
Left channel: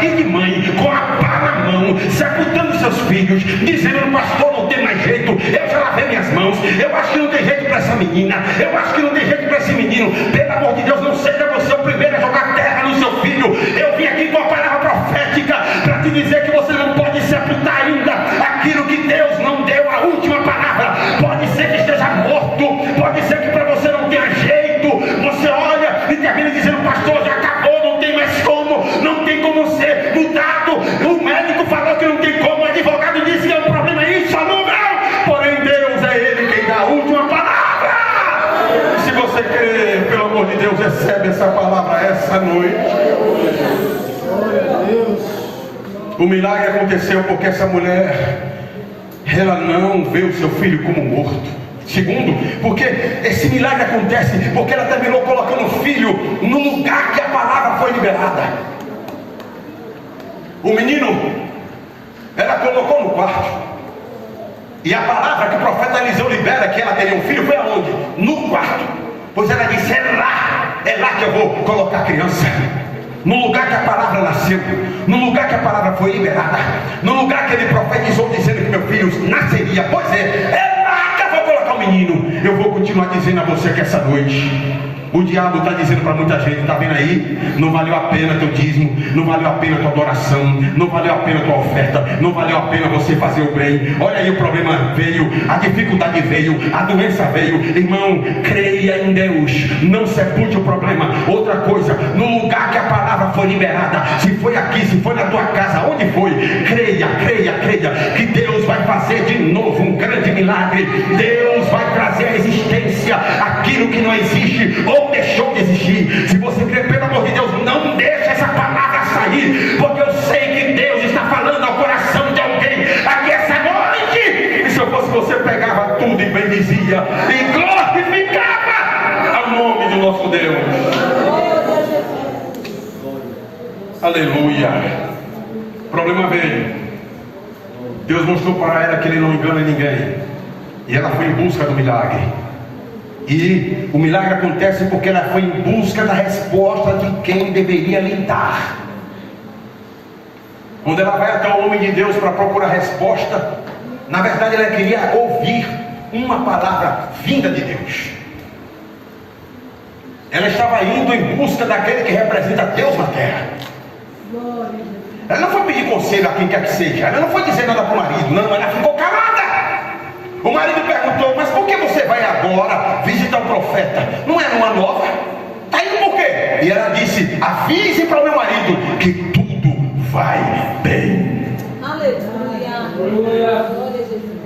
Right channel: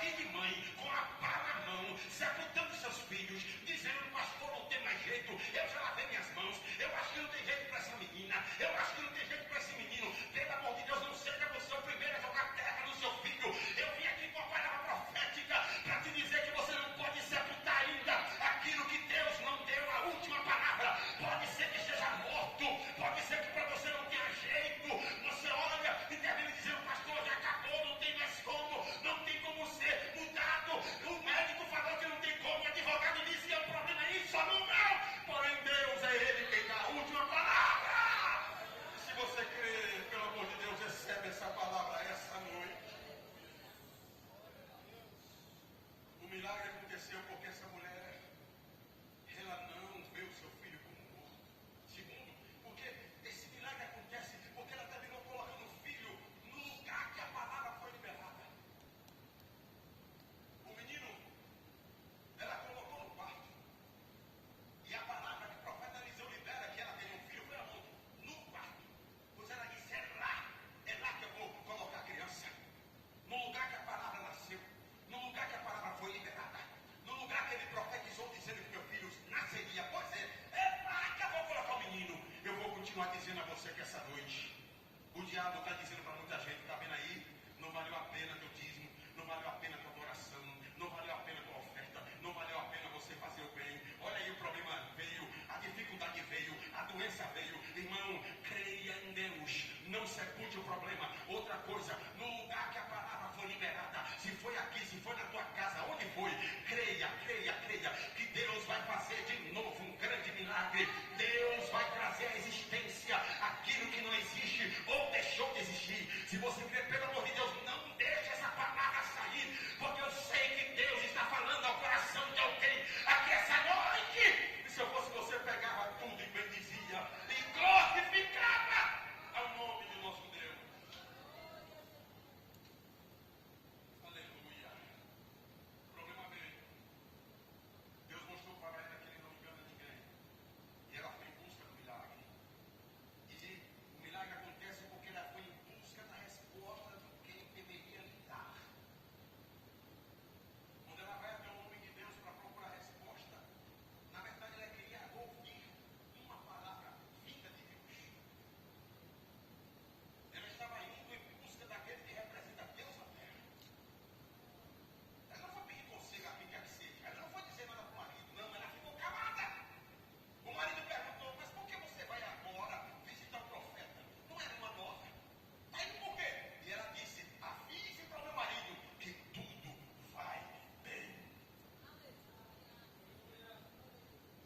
e de mãe, com a pá na mão, sepultando seus filhos, dizendo: pastor, não tem mais jeito, eu já lavei minhas mãos, eu acho que não tem jeito para essa menina, eu acho que não tem jeito para esse menino. Pelo amor de Deus, não seja você o primeiro a jogar terra no seu filho. Eu vim aqui com a palavra profética para te dizer que você não pode sepultar ainda aquilo que Deus não deu a última palavra. Pode ser que esteja morto, pode ser que para você não tenha jeito. Você olha e termina dizendo: pastor, já acabou, não tem mais como, não tem como ser mudado. O médico falou que não tem como, o advogado disse que é um problema insolúvel. Porém, Deus é Ele quem dá a última palavra. Se você crê, pelo amor de Deus, recebe essa palavra essa noite. O milagre aconteceu porque essa mulher, ela não vê o seu filho como morto. Segundo, porque esse milagre acontece porque ela terminou colocando o filho no lugar que a palavra foi liberada. O menino, ela colocou no quarto. E a palavra que o profeta Eliseu libera, que ela teria um filho, foi aonde? No quarto. Pois ela disse: é lá que eu vou colocar a criança. No lugar que a palavra nasceu, no lugar que a palavra foi liberada, no lugar que ele profetizou dizendo que meu filho nasceria. Pois é lá que eu vou colocar o menino. Eu vou continuar dizendo a você que essa noite o diabo está dizendo para muita gente: está vendo aí? Não valeu a pena teu dízimo, não valeu a pena tua adoração, não valeu a pena tua oferta, não valeu a pena você fazer o bem. Olha aí, o problema veio, a dificuldade veio, a doença veio. Irmão, creia em Deus, não sepulte o problema. Outra coisa, no lugar que a palavra foi liberada, se foi aqui, se foi na tua casa, onde foi, creia, que Deus vai fazer de novo um grande milagre. Deus vai trazer à existência aquilo que não existe ou deixou de existir. Se você crê, pelo amor de Deus, não deixe essa palavra sair, porque eu sei que Deus está falando ao coração de alguém aqui essa noite. E se eu fosse você, pegava tudo e bendizia e glorificava ao nome do nosso Deus. Aleluia. O problema veio. Deus mostrou para ela que Ele não engana ninguém. E ela foi em busca do milagre. E o milagre acontece porque ela foi em busca da resposta de quem deveria lhe dar. Quando ela vai até o homem de Deus para procurar resposta, na verdade ela queria ouvir uma palavra vinda de Deus. Ela estava indo em busca daquele que representa Deus na terra. Ela não foi pedir conselho a quem quer que seja. Ela não foi dizer nada para o marido. Não, ela ficou calada. O marido perguntou: mas por que você vai agora visitar o profeta? Não é numa nova? Está indo por quê? E ela disse: avise para o meu marido que tudo vai bem. Aleluia.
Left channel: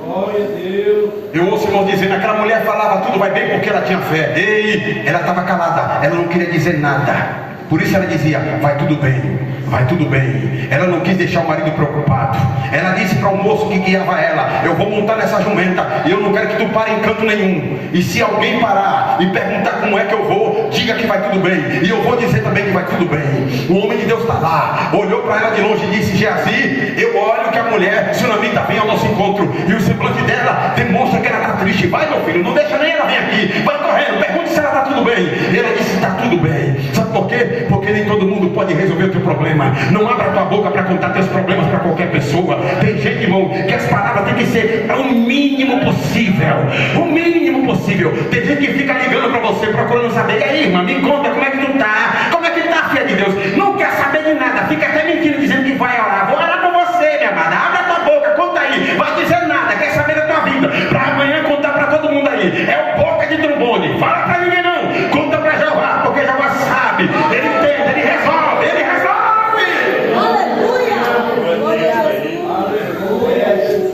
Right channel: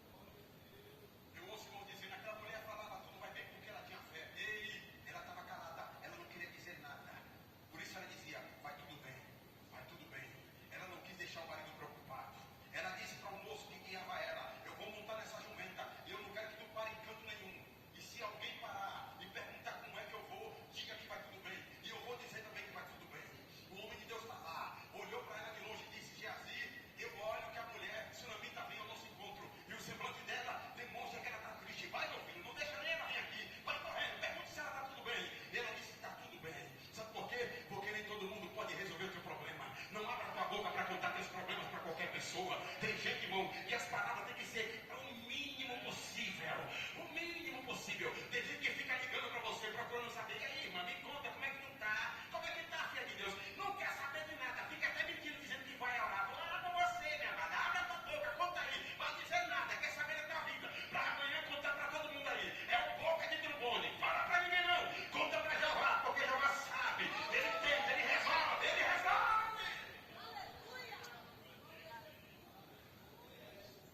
Glória a Deus. Eu ouço o irmão dizendo: aquela mulher falava tudo vai bem porque ela tinha fé. Ei, ela estava calada, ela não queria dizer nada. Por isso ela dizia: vai tudo bem, vai tudo bem. Ela não quis deixar o marido preocupado. Ela disse para o moço que guiava ela: eu vou montar nessa jumenta e eu não quero que tu pare em canto nenhum. E se alguém parar e perguntar como é que eu vou, diga que vai tudo bem. E eu vou dizer também que vai tudo bem. O homem de Deus está lá, olhou para ela de longe e disse: Geazi, eu olho que a mulher sunamita vem ao nosso encontro e o semblante dela demonstra que ela está triste. Vai, meu filho, não deixa nem ela vir aqui. Vai correndo, pergunte se ela está tudo bem. E ela disse: está tudo bem. Sabe por quê? Porque nem todo mundo pode resolver o teu problema. Não abra tua boca para contar teus problemas para qualquer pessoa. Tem gente, irmão, que as palavras têm que ser o mínimo possível. O mínimo possível. Tem gente que fica ligando para você, procurando saber: e aí, irmã, me conta como é que tu tá? Como é que tá, filha de Deus? Não quer saber de nada. Fica até mentindo, dizendo que vai orar. Vou orar por você, minha amada. Abre a tua boca, conta aí. Vai dizer nada, quer saber da tua vida, para amanhã contar para todo mundo aí. É o boca de trombone. Fala para ninguém não. Conta para Jeová, porque Jeová sabe. Ele entende, ele resolve, ele resolve.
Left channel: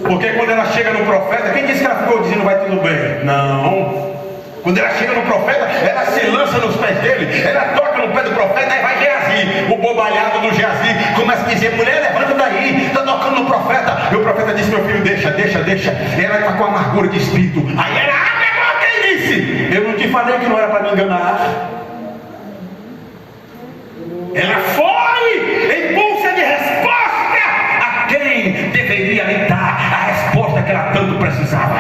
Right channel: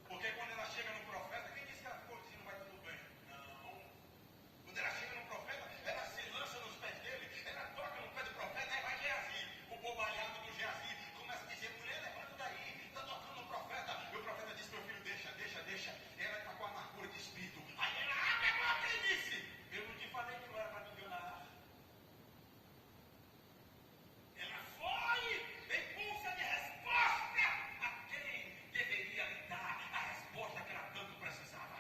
Porque quando ela chega no profeta, quem disse que ela ficou dizendo vai tudo bem? Não. Quando ela chega no profeta, ela se lança nos pés dele, ela toca no pé do profeta, aí vai Geazi, o bobalhado do Geazi, começa a dizer: mulher, levanta daí, está tocando no profeta. E o profeta disse: meu filho, deixa. Ela está com amargura de espírito. Aí ela abre a boca e disse: eu não te falei que não era para me enganar. Ela foi em busca de resposta a quem deveria lhe dar a resposta que ela tanto precisava.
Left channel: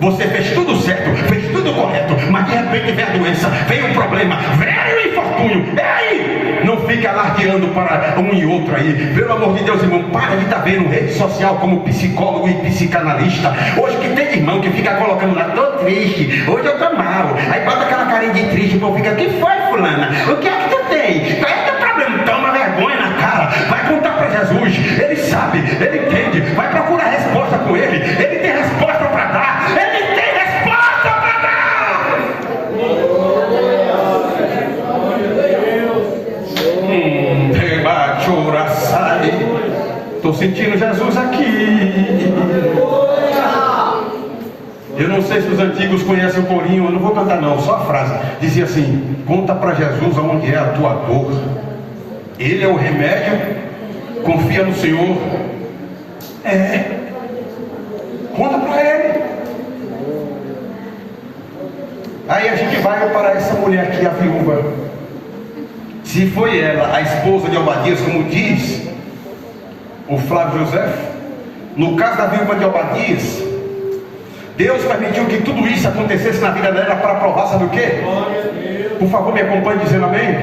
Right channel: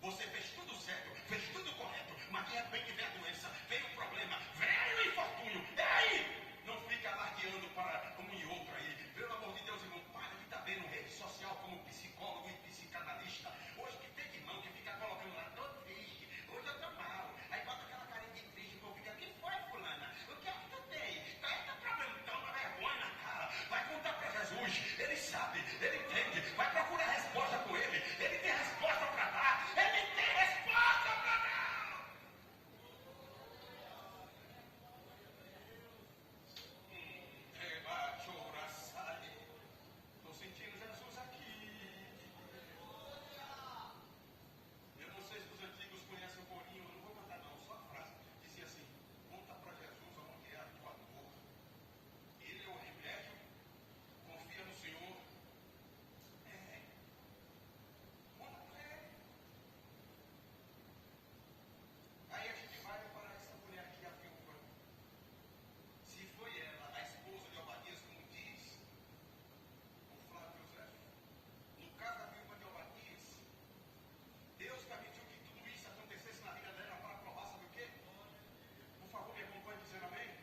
Você fez tudo certo, fez tudo correto, mas de repente vem a doença, vem um problema, vem o infortúnio. E aí? Não fica alardeando para um e outro aí. Pelo amor de Deus, irmão, para de estar vendo rede social como psicólogo e psicanalista. Hoje que tem irmão que fica colocando lá: tô triste, hoje eu tô mal. Aí bota aquela carinha de triste, o povo fica: que foi, fulana? O que é que tu tem? Qual é o teu problema? Toma vergonha na cara, vai contar para Jesus. Ele sabe, ele entende, vai procurar resposta com ele. Ele tem resposta para dar. Ele tem resposta para dar. Estou sentindo Jesus aqui. Eu não sei se os antigos conhecem o corinho, eu não vou cantar não, só a frase. Dizia assim: conta para Jesus aonde é a tua dor. Ele é o remédio, confia no Senhor. Conta para Ele. Aí a gente vai para essa mulher aqui, a viúva. Se foi ela, a esposa de Obadias, como diz o Flávio José, no caso da viúva de Obadias, Deus permitiu que tudo isso acontecesse na vida dela para provar, sabe o quê? Por favor, me acompanhe dizendo amém.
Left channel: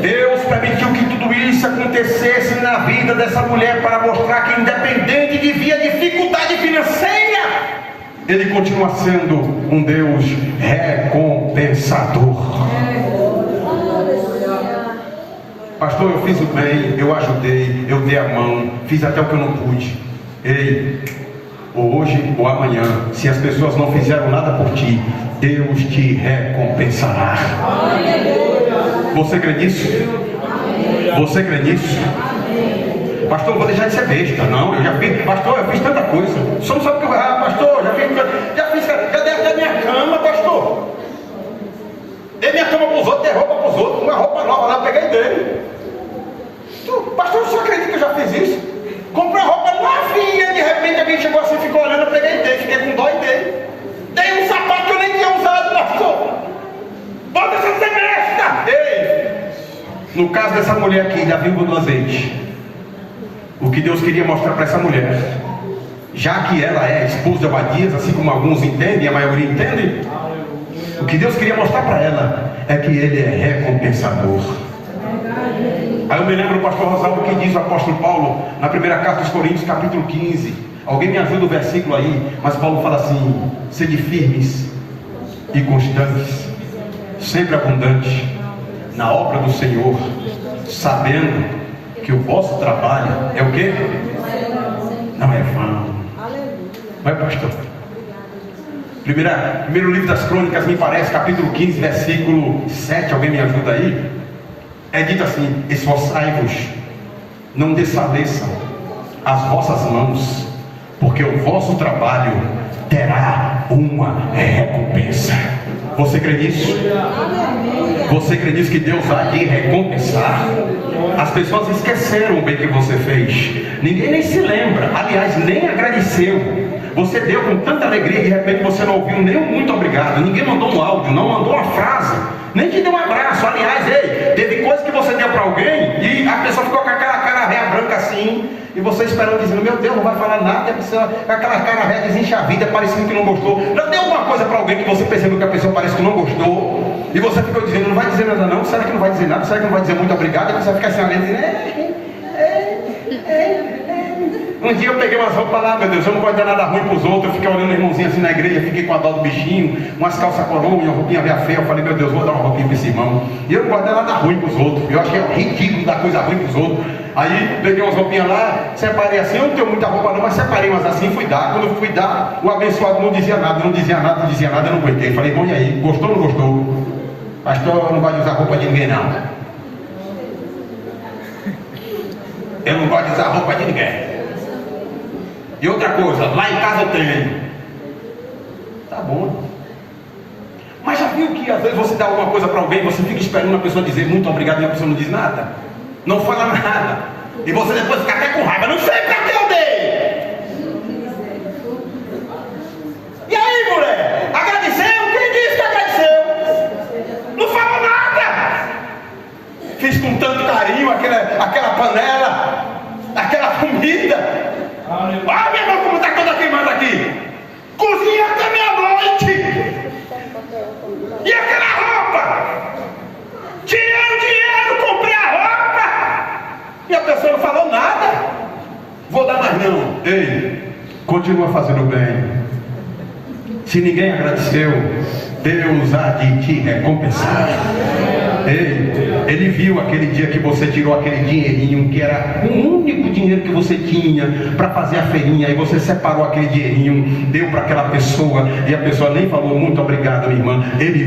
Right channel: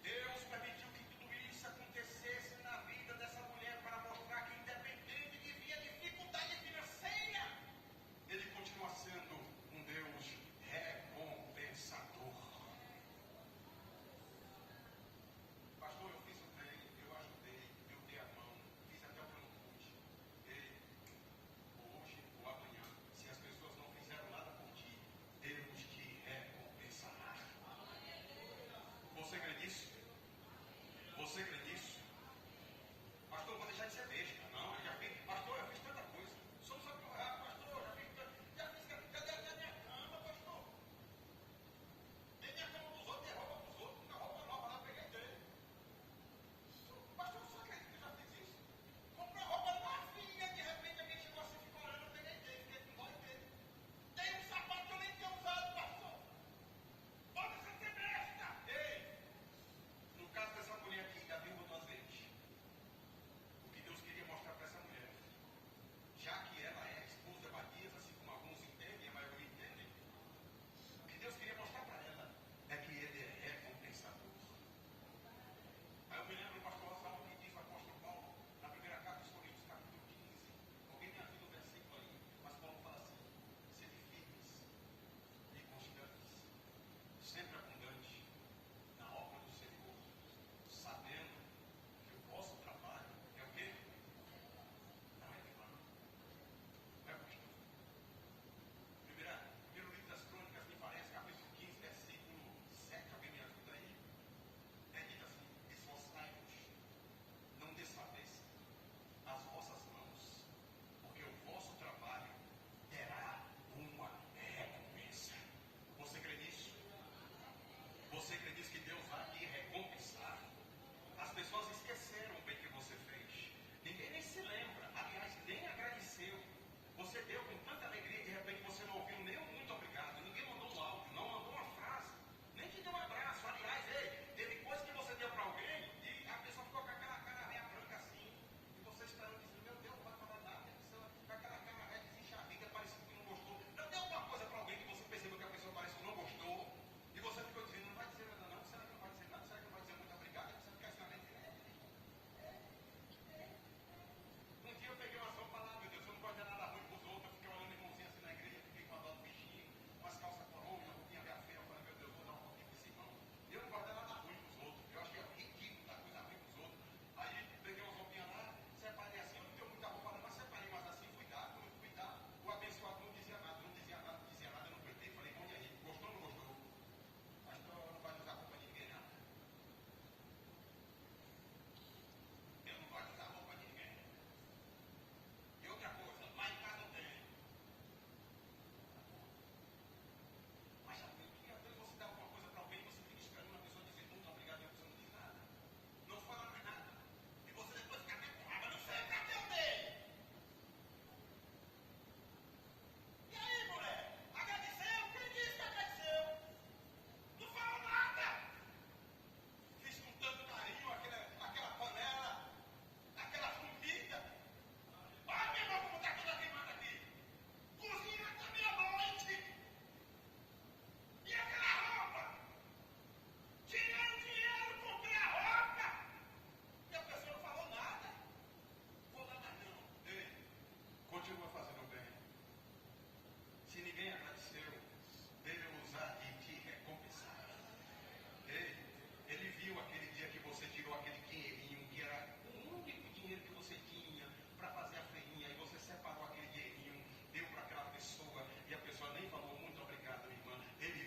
Deus permitiu que tudo isso acontecesse na vida dessa mulher para mostrar que, independente de vir a dificuldade financeira, Ele continua sendo um Deus recompensador. Pastor, eu fiz o bem, eu ajudei, eu dei a mão, fiz até o que eu não pude. Ei, hoje ou amanhã, se as pessoas não fizeram nada por ti, Deus te recompensará. Você crê nisso? Você crê nisso? Pastor, eu vou deixar de ser besta. Não, eu já fiz, pastor, eu fiz tanta coisa. Só não sabe o que eu... pastor, já dei até minha cama, pastor. Dei minha cama para os outros, dei roupa para os outros, uma roupa nova lá, peguei dele. Pastor, eu só acredito que eu já fiz isso. Comprei uma roupa novinha, de repente alguém chegou assim, ficou olhando, eu peguei dele, fiquei com dó dele. Dei um sapato que eu nem tinha usado, pastor. Bota essa besta! Ei! No caso dessa mulher aqui, da viúva do azeite, o que Deus queria mostrar para essa mulher já que ela é a esposa de Obadias, assim como alguns entendem, a maioria entende, o que Deus queria mostrar para ela é que Ele é recompensador. Aí eu me lembro do pastor Rosalvo que diz o apóstolo Paulo na primeira carta aos Coríntios, capítulo 15. Alguém me ajuda o versículo aí, mas Paulo fala assim: sede firmes e constantes, sempre abundantes na obra do Senhor, sabendo que o vosso trabalho é o quê? Não é vão. Não é, pastor? Primeiro livro das Crônicas, me parece, capítulo 15, versículo 7, alguém me ajuda aí? É dito assim: esforçai-vos, não desfaleçam as vossas mãos, porque o vosso trabalho terá uma recompensa. Você crê nisso? Você crê nisso, que Deus há de recompensar? As pessoas esqueceram o bem que você fez, ninguém nem se lembra, aliás, nem agradeceu. Você deu com tanta alegria, de repente você não ouviu nem um muito obrigado, ninguém mandou um áudio, não mandou uma frase, nem te deu um abraço. Aliás, teve coisa que você deu para alguém e a pessoa ficou com aquela cara réia branca assim, e você esperando, dizendo: meu Deus, não vai falar nada, a pessoa com aquela cara réia desenxavida, parecendo que não gostou. Não deu alguma coisa para alguém que você percebeu que a pessoa parece que não gostou, e você ficou dizendo: não vai dizer nada não, será que não vai dizer nada, será que não vai dizer muito obrigado? E você vai ficar assim olhando, dizendo: Um dia eu peguei umas roupas lá, meu Deus, eu não gosto de dar nada ruim para os outros. Eu fiquei olhando o irmãozinho assim na igreja, fiquei com a dó do bichinho, umas calças coroa, uma roupinha velha feia. Eu falei: meu Deus, vou dar uma roupinha para esse irmão. E eu não gosto de dar nada ruim para os outros, eu achei ridículo dar coisa ruim para os outros. Aí peguei umas roupinhas lá, separei assim, eu não tenho muita roupa não, mas separei umas assim, fui dar. Quando eu fui dar, o abençoado não dizia nada, não dizia nada, não dizia nada, eu não aguentei. Falei: irmão, e aí, gostou ou não gostou? Pastor, não gosto de usar roupa de ninguém não. Eu não gosto de usar roupa de ninguém. E outra coisa, lá em casa eu tenho. Tá bom. Mas já viu que às vezes você dá alguma coisa para alguém, você fica esperando a pessoa dizer muito obrigado e a pessoa não diz nada? Não fala nada. E você depois fica até com raiva: não sei para que eu dei. E aí, mulher? Agradeceu? Quem disse que agradeceu? Não falou nada. Fiz com tanto carinho aquela panela, aquela comida. Olha, meu irmão, como está toda queimada aqui. Cozinha até meia-noite. E aquela roupa? Tirei o dinheiro, comprei a roupa. E a pessoa não falou nada. Vou dar mais não. Ei, continua fazendo bem. Se ninguém agradeceu, Deus há de te recompensar. Ei, Ele viu aquele dia que você tirou aquele dinheirinho, que era o único dinheiro que você tinha para fazer a feirinha, e você separou aquele dinheirinho, deu para aquela pessoa, e a pessoa nem falou muito obrigado, minha irmã. Ele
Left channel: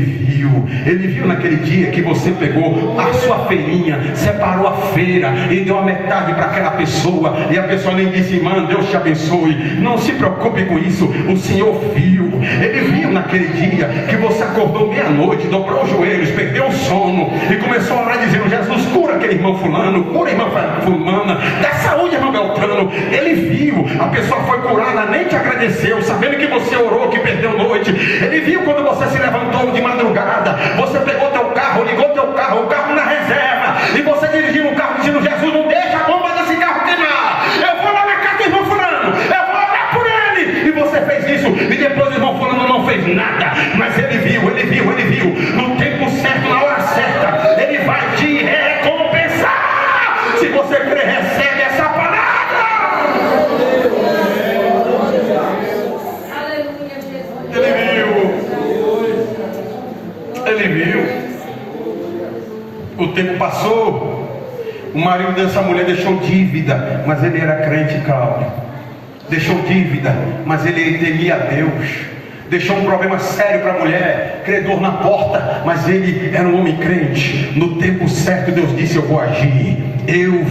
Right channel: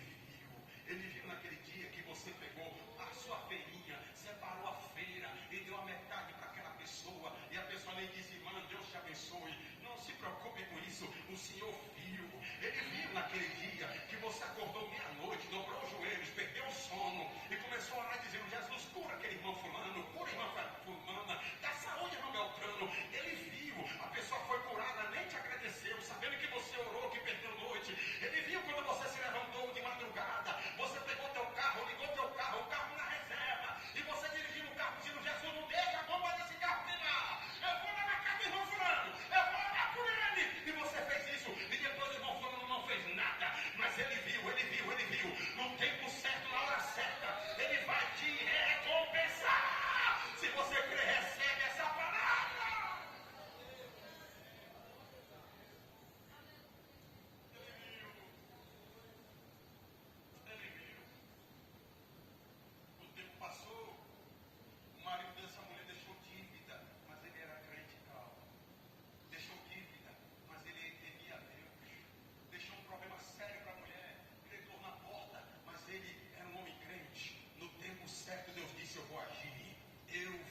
viu naquele dia que você pegou a sua feirinha, separou a feira e deu a metade para aquela pessoa, e a pessoa nem disse: irmã, Deus te abençoe, não se preocupe com isso. O Senhor viu. Ele viu naquele dia que você acordou meia-noite, dobrou os joelhos, perdeu o sono e começou a orar dizendo: Jesus, cura aquele irmão fulano, cura a irmã fulana, dá saúde, irmão Beltrano. Ele viu, a pessoa foi curada, nem te agradeceu, sabendo que você orou, que perdeu noite. Ele viu quando você se levantou de madrugada, você pegou teu carro, ligou teu carro, o carro na reserva, e você dirigiu o carro dizendo: Jesus, não deixa a bomba desse carro queimar, eu vou lá na casa do irmão fulano, eu vou orar por ele. E você fez isso, e depois o irmão fulano não fez nada, mas ele viu, no tempo certo, na hora certa, ele vai te recompensar. Se você crê, recebe essa palavra. Ele viu. O tempo passou, o marido dessa mulher deixou dívida, mas ele era crente, Cláudio. Deixou dívida, mas ele temia a Deus. Deixou um problema sério para a mulher, credor na porta, mas ele era um homem crente. No tempo certo Deus disse: eu vou agir. Eu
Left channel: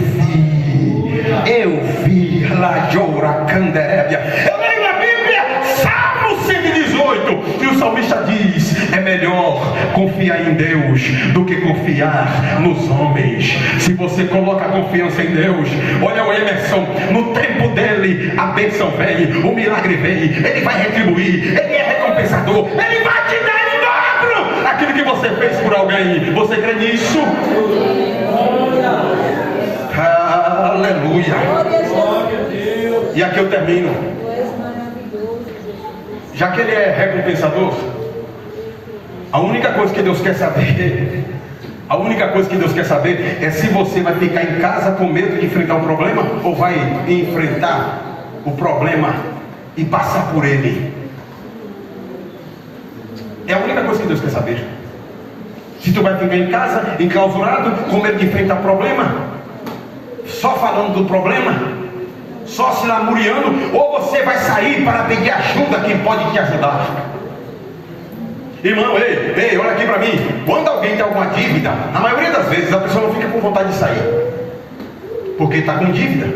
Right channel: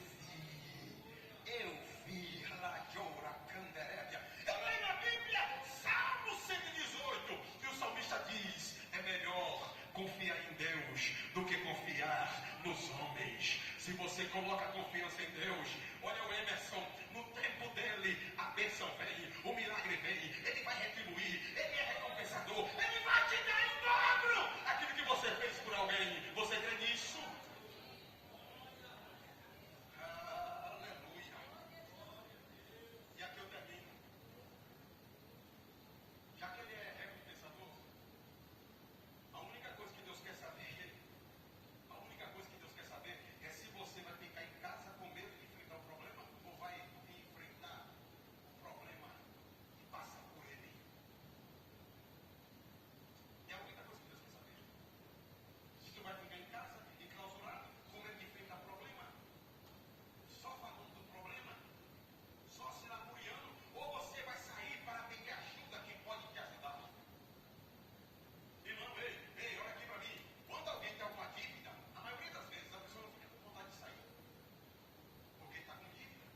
vi lá Joura Canderébia. Eu leio na Bíblia, Salmo 118, e o salmista diz: é melhor confiar em Deus do que confiar nos homens. Se você coloca a confiança em Deus, olha o Emerson, no tempo dele a bênção vem, o milagre vem, ele vai retribuir, ele é recompensador, ele vai te dar em dobro aquilo que você fez por alguém. Você crê nisso? Aleluia. E aqui eu termino. já que Ele é recompensador, a única coisa que Deus quer saber é se você vai ficar em casa com medo de enfrentar o problema, ou vai enfrentar o problema e passar por ele. É a única coisa que Deus quer saber. Se tu vai ficar em casa, enclausurado, com medo de enfrentar o problema, só falando do problema, só se lamuriando, ou você vai sair para pedir ajuda a quem pode te ajudar. Irmão, ei, olha aqui para mim. Quando alguém tem alguma dívida, na maioria das vezes a pessoa não fica com vontade de sair, porque está com dívida.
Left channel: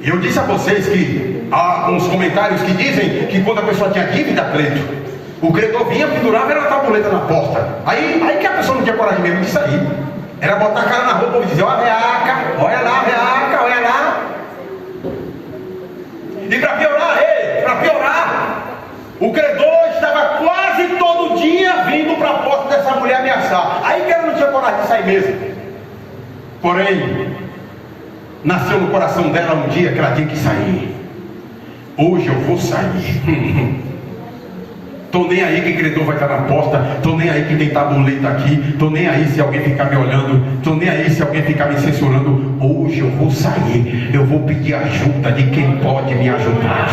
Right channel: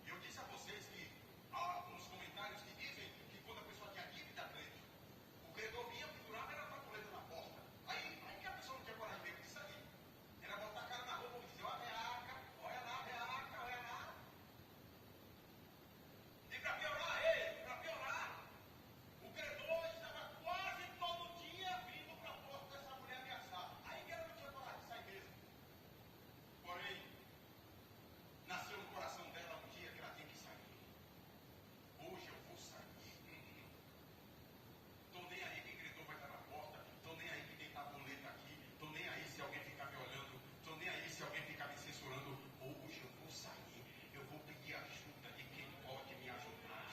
E eu disse a vocês que há uns comentários que dizem que quando a pessoa tinha dívida, Cleito, o credor vinha, pendurava, era uma tabuleta na porta. Aí que a pessoa não tinha coragem mesmo de sair. Era botar a cara na roupa e dizer: olha lá, veaca, olha lá. E para piorar, o credor estava quase todo dia vindo para a porta dessa mulher ameaçar. Aí que ela não tinha coragem de sair mesmo. Porém, nasceu no coração dela um dia que ela tinha que sair. Hoje eu vou sair. Estou nem aí que credor vai estar na porta, estou nem aí que tem tabuleta aqui, estou nem aí se alguém ficar me olhando, estou nem aí se alguém ficar me censurando. Hoje eu vou sair, eu vou pedir ajuda de quem pode me ajudar.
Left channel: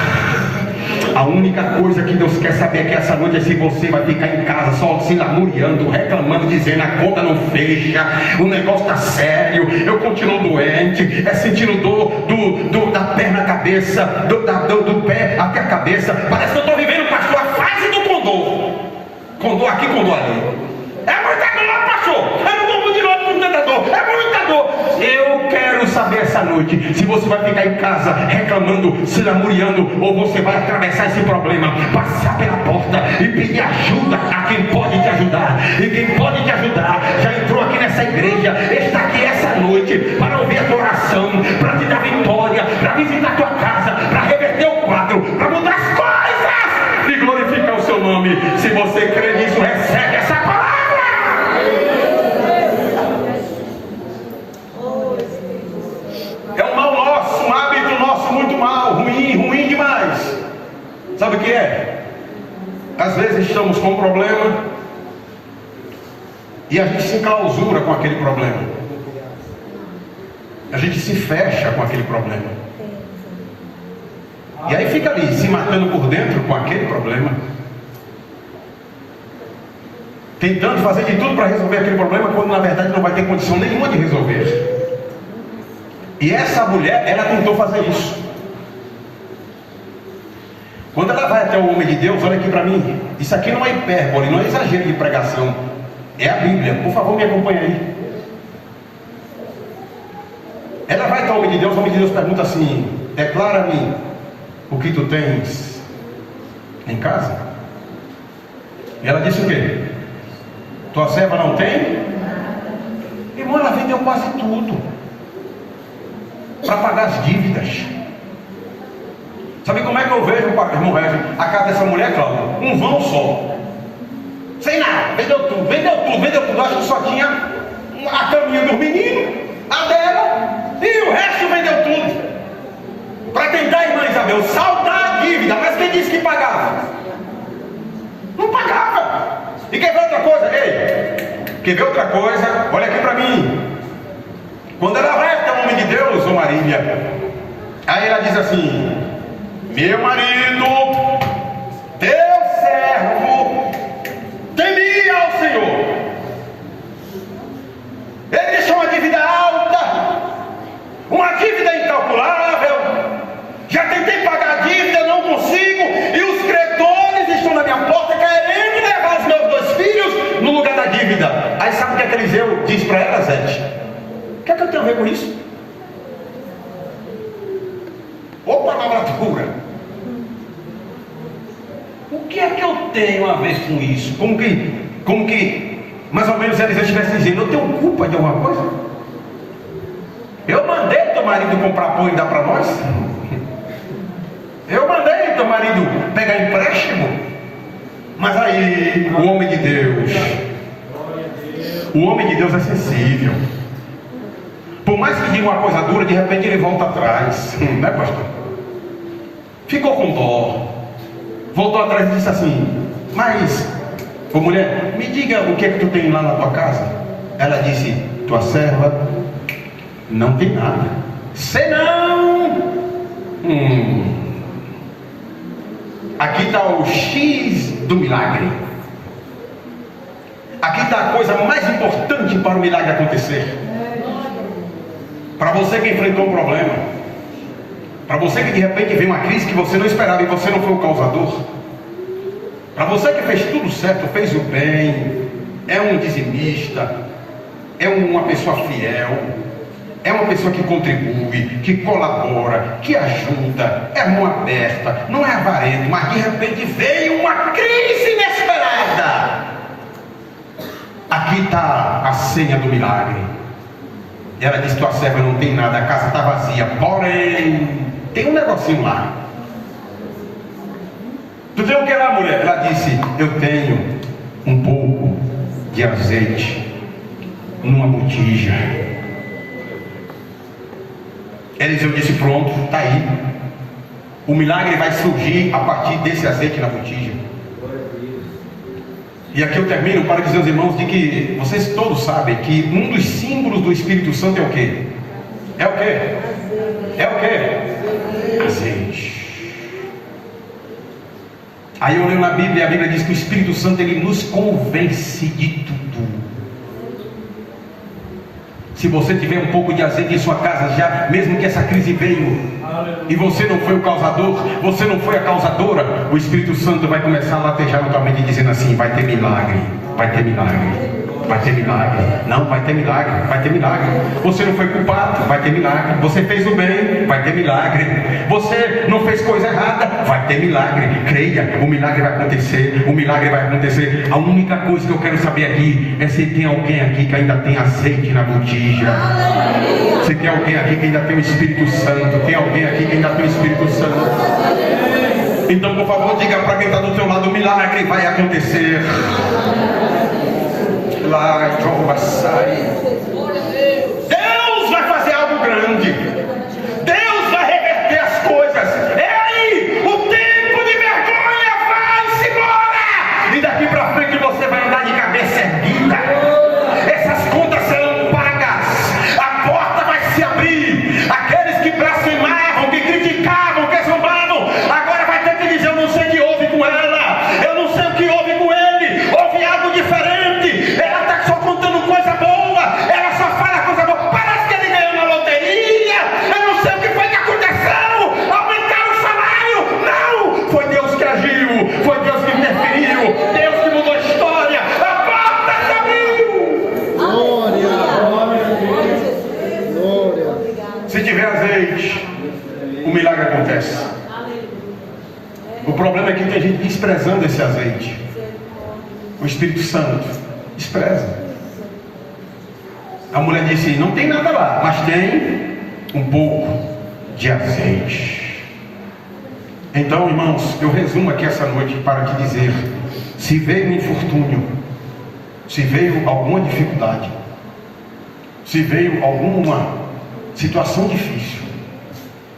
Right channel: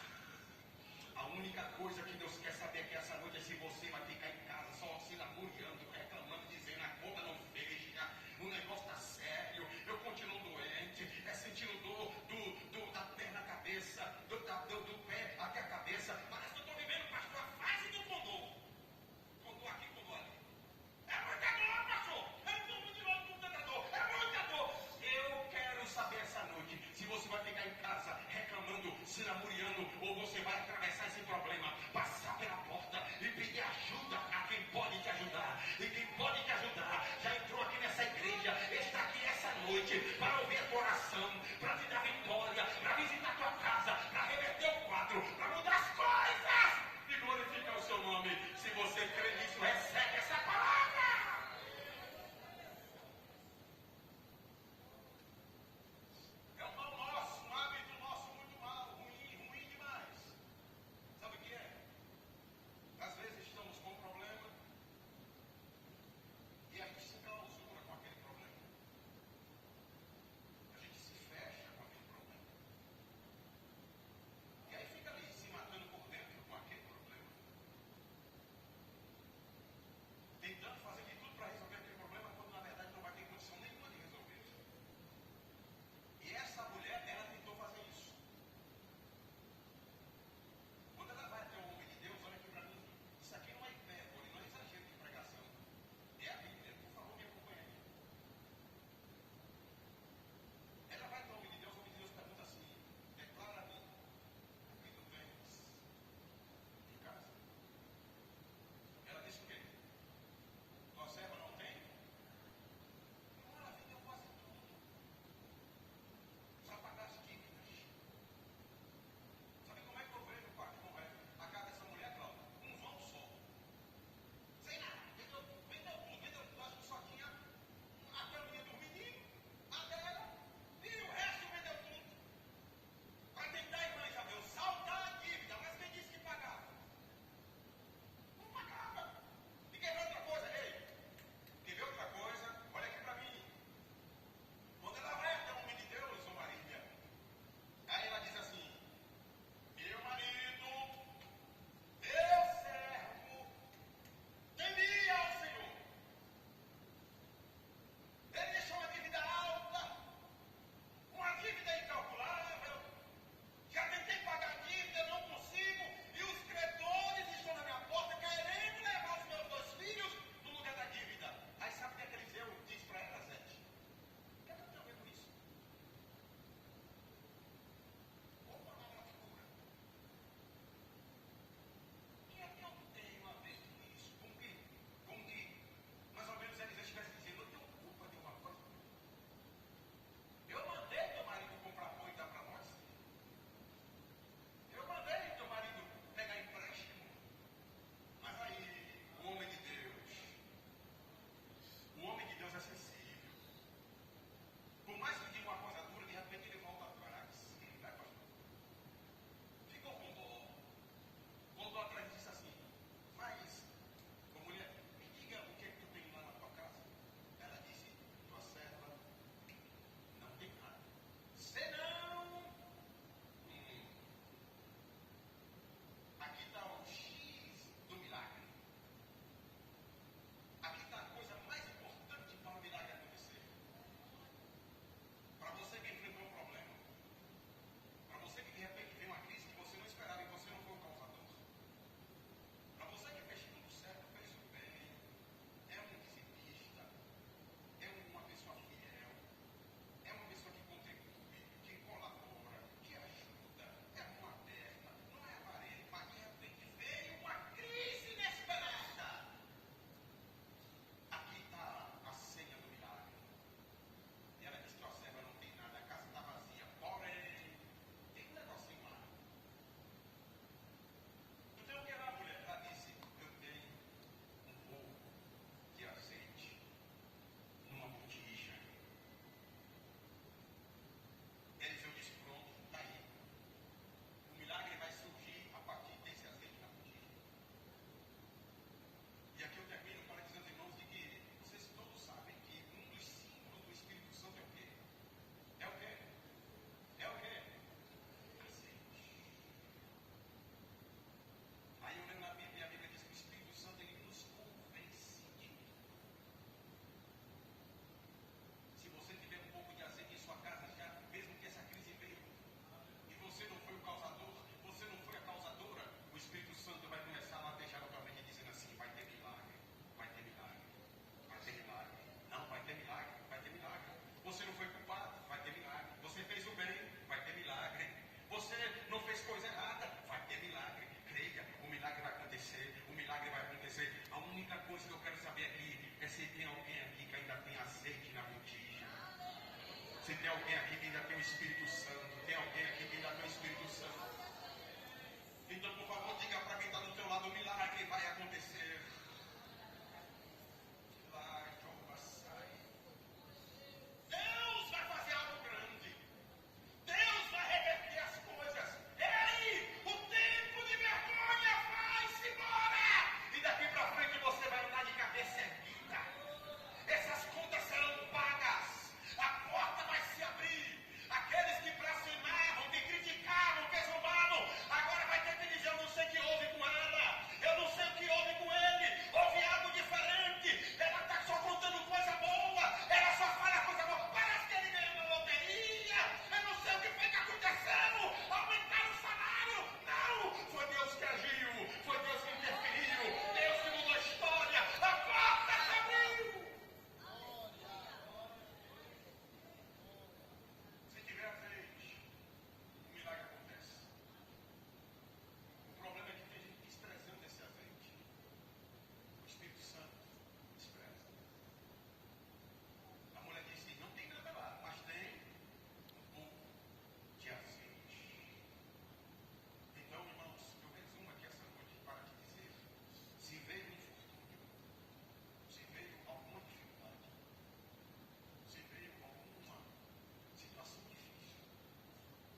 A única coisa que Deus quer saber é que essa noite é se você vai ficar em casa só se lamuriando, reclamando, dizendo: a conta não fecha, o negócio está sério, eu continuo doente, sentindo dor da perna à cabeça, do pé até a cabeça. Parece que eu estou vivendo, pastor, a fase do condor. Condor aqui, condor ali. É muita dor, pastor. Eu não vou de novo com tanta dor. É muita dor. Eu quero saber essa noite se você vai ficar em casa reclamando, se lamuriando, ou você vai atravessar esse problema, passar pela porta e pedir ajuda a quem pode te ajudar. E quem pode te ajudar já entrou aqui nessa igreja, está aqui essa noite para ouvir a tua oração, para te dar vitória, para visitar a tua casa, para reverter o quadro, para mudar as coisas e glorificar o seu nome. Se você crê nisso, recebe essa palavra. É um mal nosso, um hábito nosso muito mal, ruim demais. Sabe o que é? Às vezes estamos com um problema e a gente se enclausura com aquele problema. A gente se fecha com aquele problema. E aí fica ali, se matando por dentro com aquele problema, tentando fazer de tudo para resolver aquele problema, quando na verdade não vai ter condição nenhuma de resolver. E essa mulher, ela tentou fazer isso. Quando ela vai até o homem de Deus, olha aqui para mim, isso aqui não é hipérbole, não é exagero de pregação, é a Bíblia. Por favor, me acompanhe aí. Ela vai até o homem de Deus pergunta assim: declara-me o que tu tens em casa. E ela disse o quê? Tua serva não tem? Irmão, ela vendeu quase tudo para pagar as dívidas. Sabe como é que eu vejo, irmão Regis, a casa dessa mulher, Cláudio? Um vão só, sem nada, vendeu tudo. Acho que só tinha a caminha do menino, a dela, e o resto vendeu tudo para tentar, irmã Isabel, saldar a dívida. Mas quem disse que pagava? Não pagava. E quer ver outra coisa? Quer ver outra coisa? Olha aqui para mim. Quando ela vai até o homem de Deus, ô Marília, aí ela diz assim: meu marido, teu servo, temia ao Senhor. Ele deixou uma dívida alta, uma dívida incalculável. Já tentei pagar a dívida, não consigo, e os credores estão na minha porta querendo levar os meus 2 filhos no lugar da dívida. Aí sabe o que é que Eliseu diz para ela, Zete? O que é que eu tenho a ver com isso? Ô palavra dura! O que é que eu tenho a ver com isso? Como que mais ou menos Eliseu estivesse dizendo: eu tenho culpa de alguma coisa? Eu mandei teu marido comprar pão e dar para nós? Eu mandei teu marido pegar empréstimo? Mas aí o homem de Deus é sensível. Por mais que diga uma coisa dura, de repente ele volta atrás, né, pastor? Ficou com dó. voltou atrás e disse assim: mas, ô mulher, me diga o que é que tu tem lá na tua casa. Ela disse: tua serva não tem nada, senão aqui está o X do milagre. Aqui está a coisa mais importante para o milagre acontecer. Para você que enfrentou um problema, para você que de repente veio uma crise que você não esperava e você não foi o causador, para você que fez tudo certo, fez o bem, é um dizimista, é uma pessoa fiel, é uma pessoa que contribui, que colabora, que ajuda, é mão aberta, não é avarento, mas de repente veio uma crise inesperada. Aqui está a senha do milagre. Ela disse: tua serva não tem nada, a casa está vazia, porém tem um negocinho lá. Tu tem o que lá, mulher? Ela disse: eu tenho um pouco de azeite numa botija. Eliseu disse: pronto, está aí. O milagre vai surgir a partir desse azeite na botija. E aqui eu termino para dizer aos irmãos de que vocês todos sabem que um dos símbolos do Espírito Santo é o quê? É o quê? É o quê? Azeite. Aí eu leio na Bíblia, e a Bíblia diz que o Espírito Santo ele nos convence de tudo. Se você tiver um pouco de azeite em sua casa já, mesmo que essa crise veio e você não foi o causador, você não foi a causadora, o Espírito Santo vai começar a latejar na tua mente dizendo assim: vai ter milagre, vai ter milagre, vai ter milagre, não, vai ter milagre, vai ter milagre. Você não foi culpado, vai ter milagre. Você fez o bem, vai ter milagre. Você não fez coisa errada, vai ter milagre. Creia, o milagre vai acontecer, o milagre vai acontecer. A única coisa que eu quero saber aqui é se tem alguém aqui que ainda tem azeite na botija. Se tem alguém aqui que ainda tem o Espírito Santo. Tem alguém aqui que ainda tem o Espírito Santo. Então, por favor, diga para quem está do teu lado: o milagre vai acontecer. Lá, Deus vai fazer algo grande. Deus vai reverter as coisas. Ei, o tempo de vergonha vai-se embora. E daqui para frente você vai andar de cabeça erguida. Essas contas serão pagas. A porta vai se abrir. Aqueles que blasfemavam, que criticavam, que zombavam, agora vai ter que dizer: eu não sei o que houve com ela, eu não sei o que houve com ele. Houve algo diferente. Ela está só contando coisa boa, ela só fala coisa boa. Parece que ele ganhou na loteria. Eu não sei o que foi que aconteceu. Aumentaram o salário. Não, foi Deus que agiu, foi Deus que interferiu, Deus que mudou a história. A porta se abriu. Glória. Se tiver azeite, o milagre acontece. O problema é que tem gente desprezando esse azeite. O Espírito Santo despreza. A mulher disse: não tem nada lá, mas tem um pouco de azeite. Então, irmãos, eu resumo aqui essa noite para te dizer: se veio um infortúnio, se veio alguma dificuldade, se veio alguma situação difícil,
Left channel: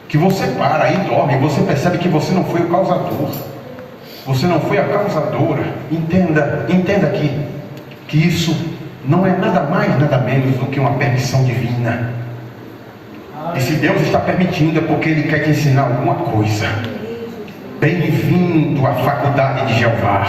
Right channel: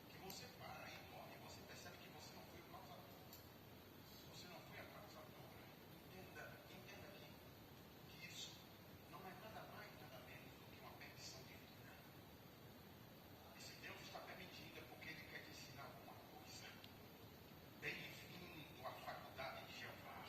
que você para e dorme, você percebe que você não foi o causador, você não foi a causadora. Entenda aqui que isso não é nada mais, nada menos do que uma permissão divina. E se Deus está permitindo, é porque Ele quer te ensinar alguma coisa. Bem-vindo à faculdade de Jeová.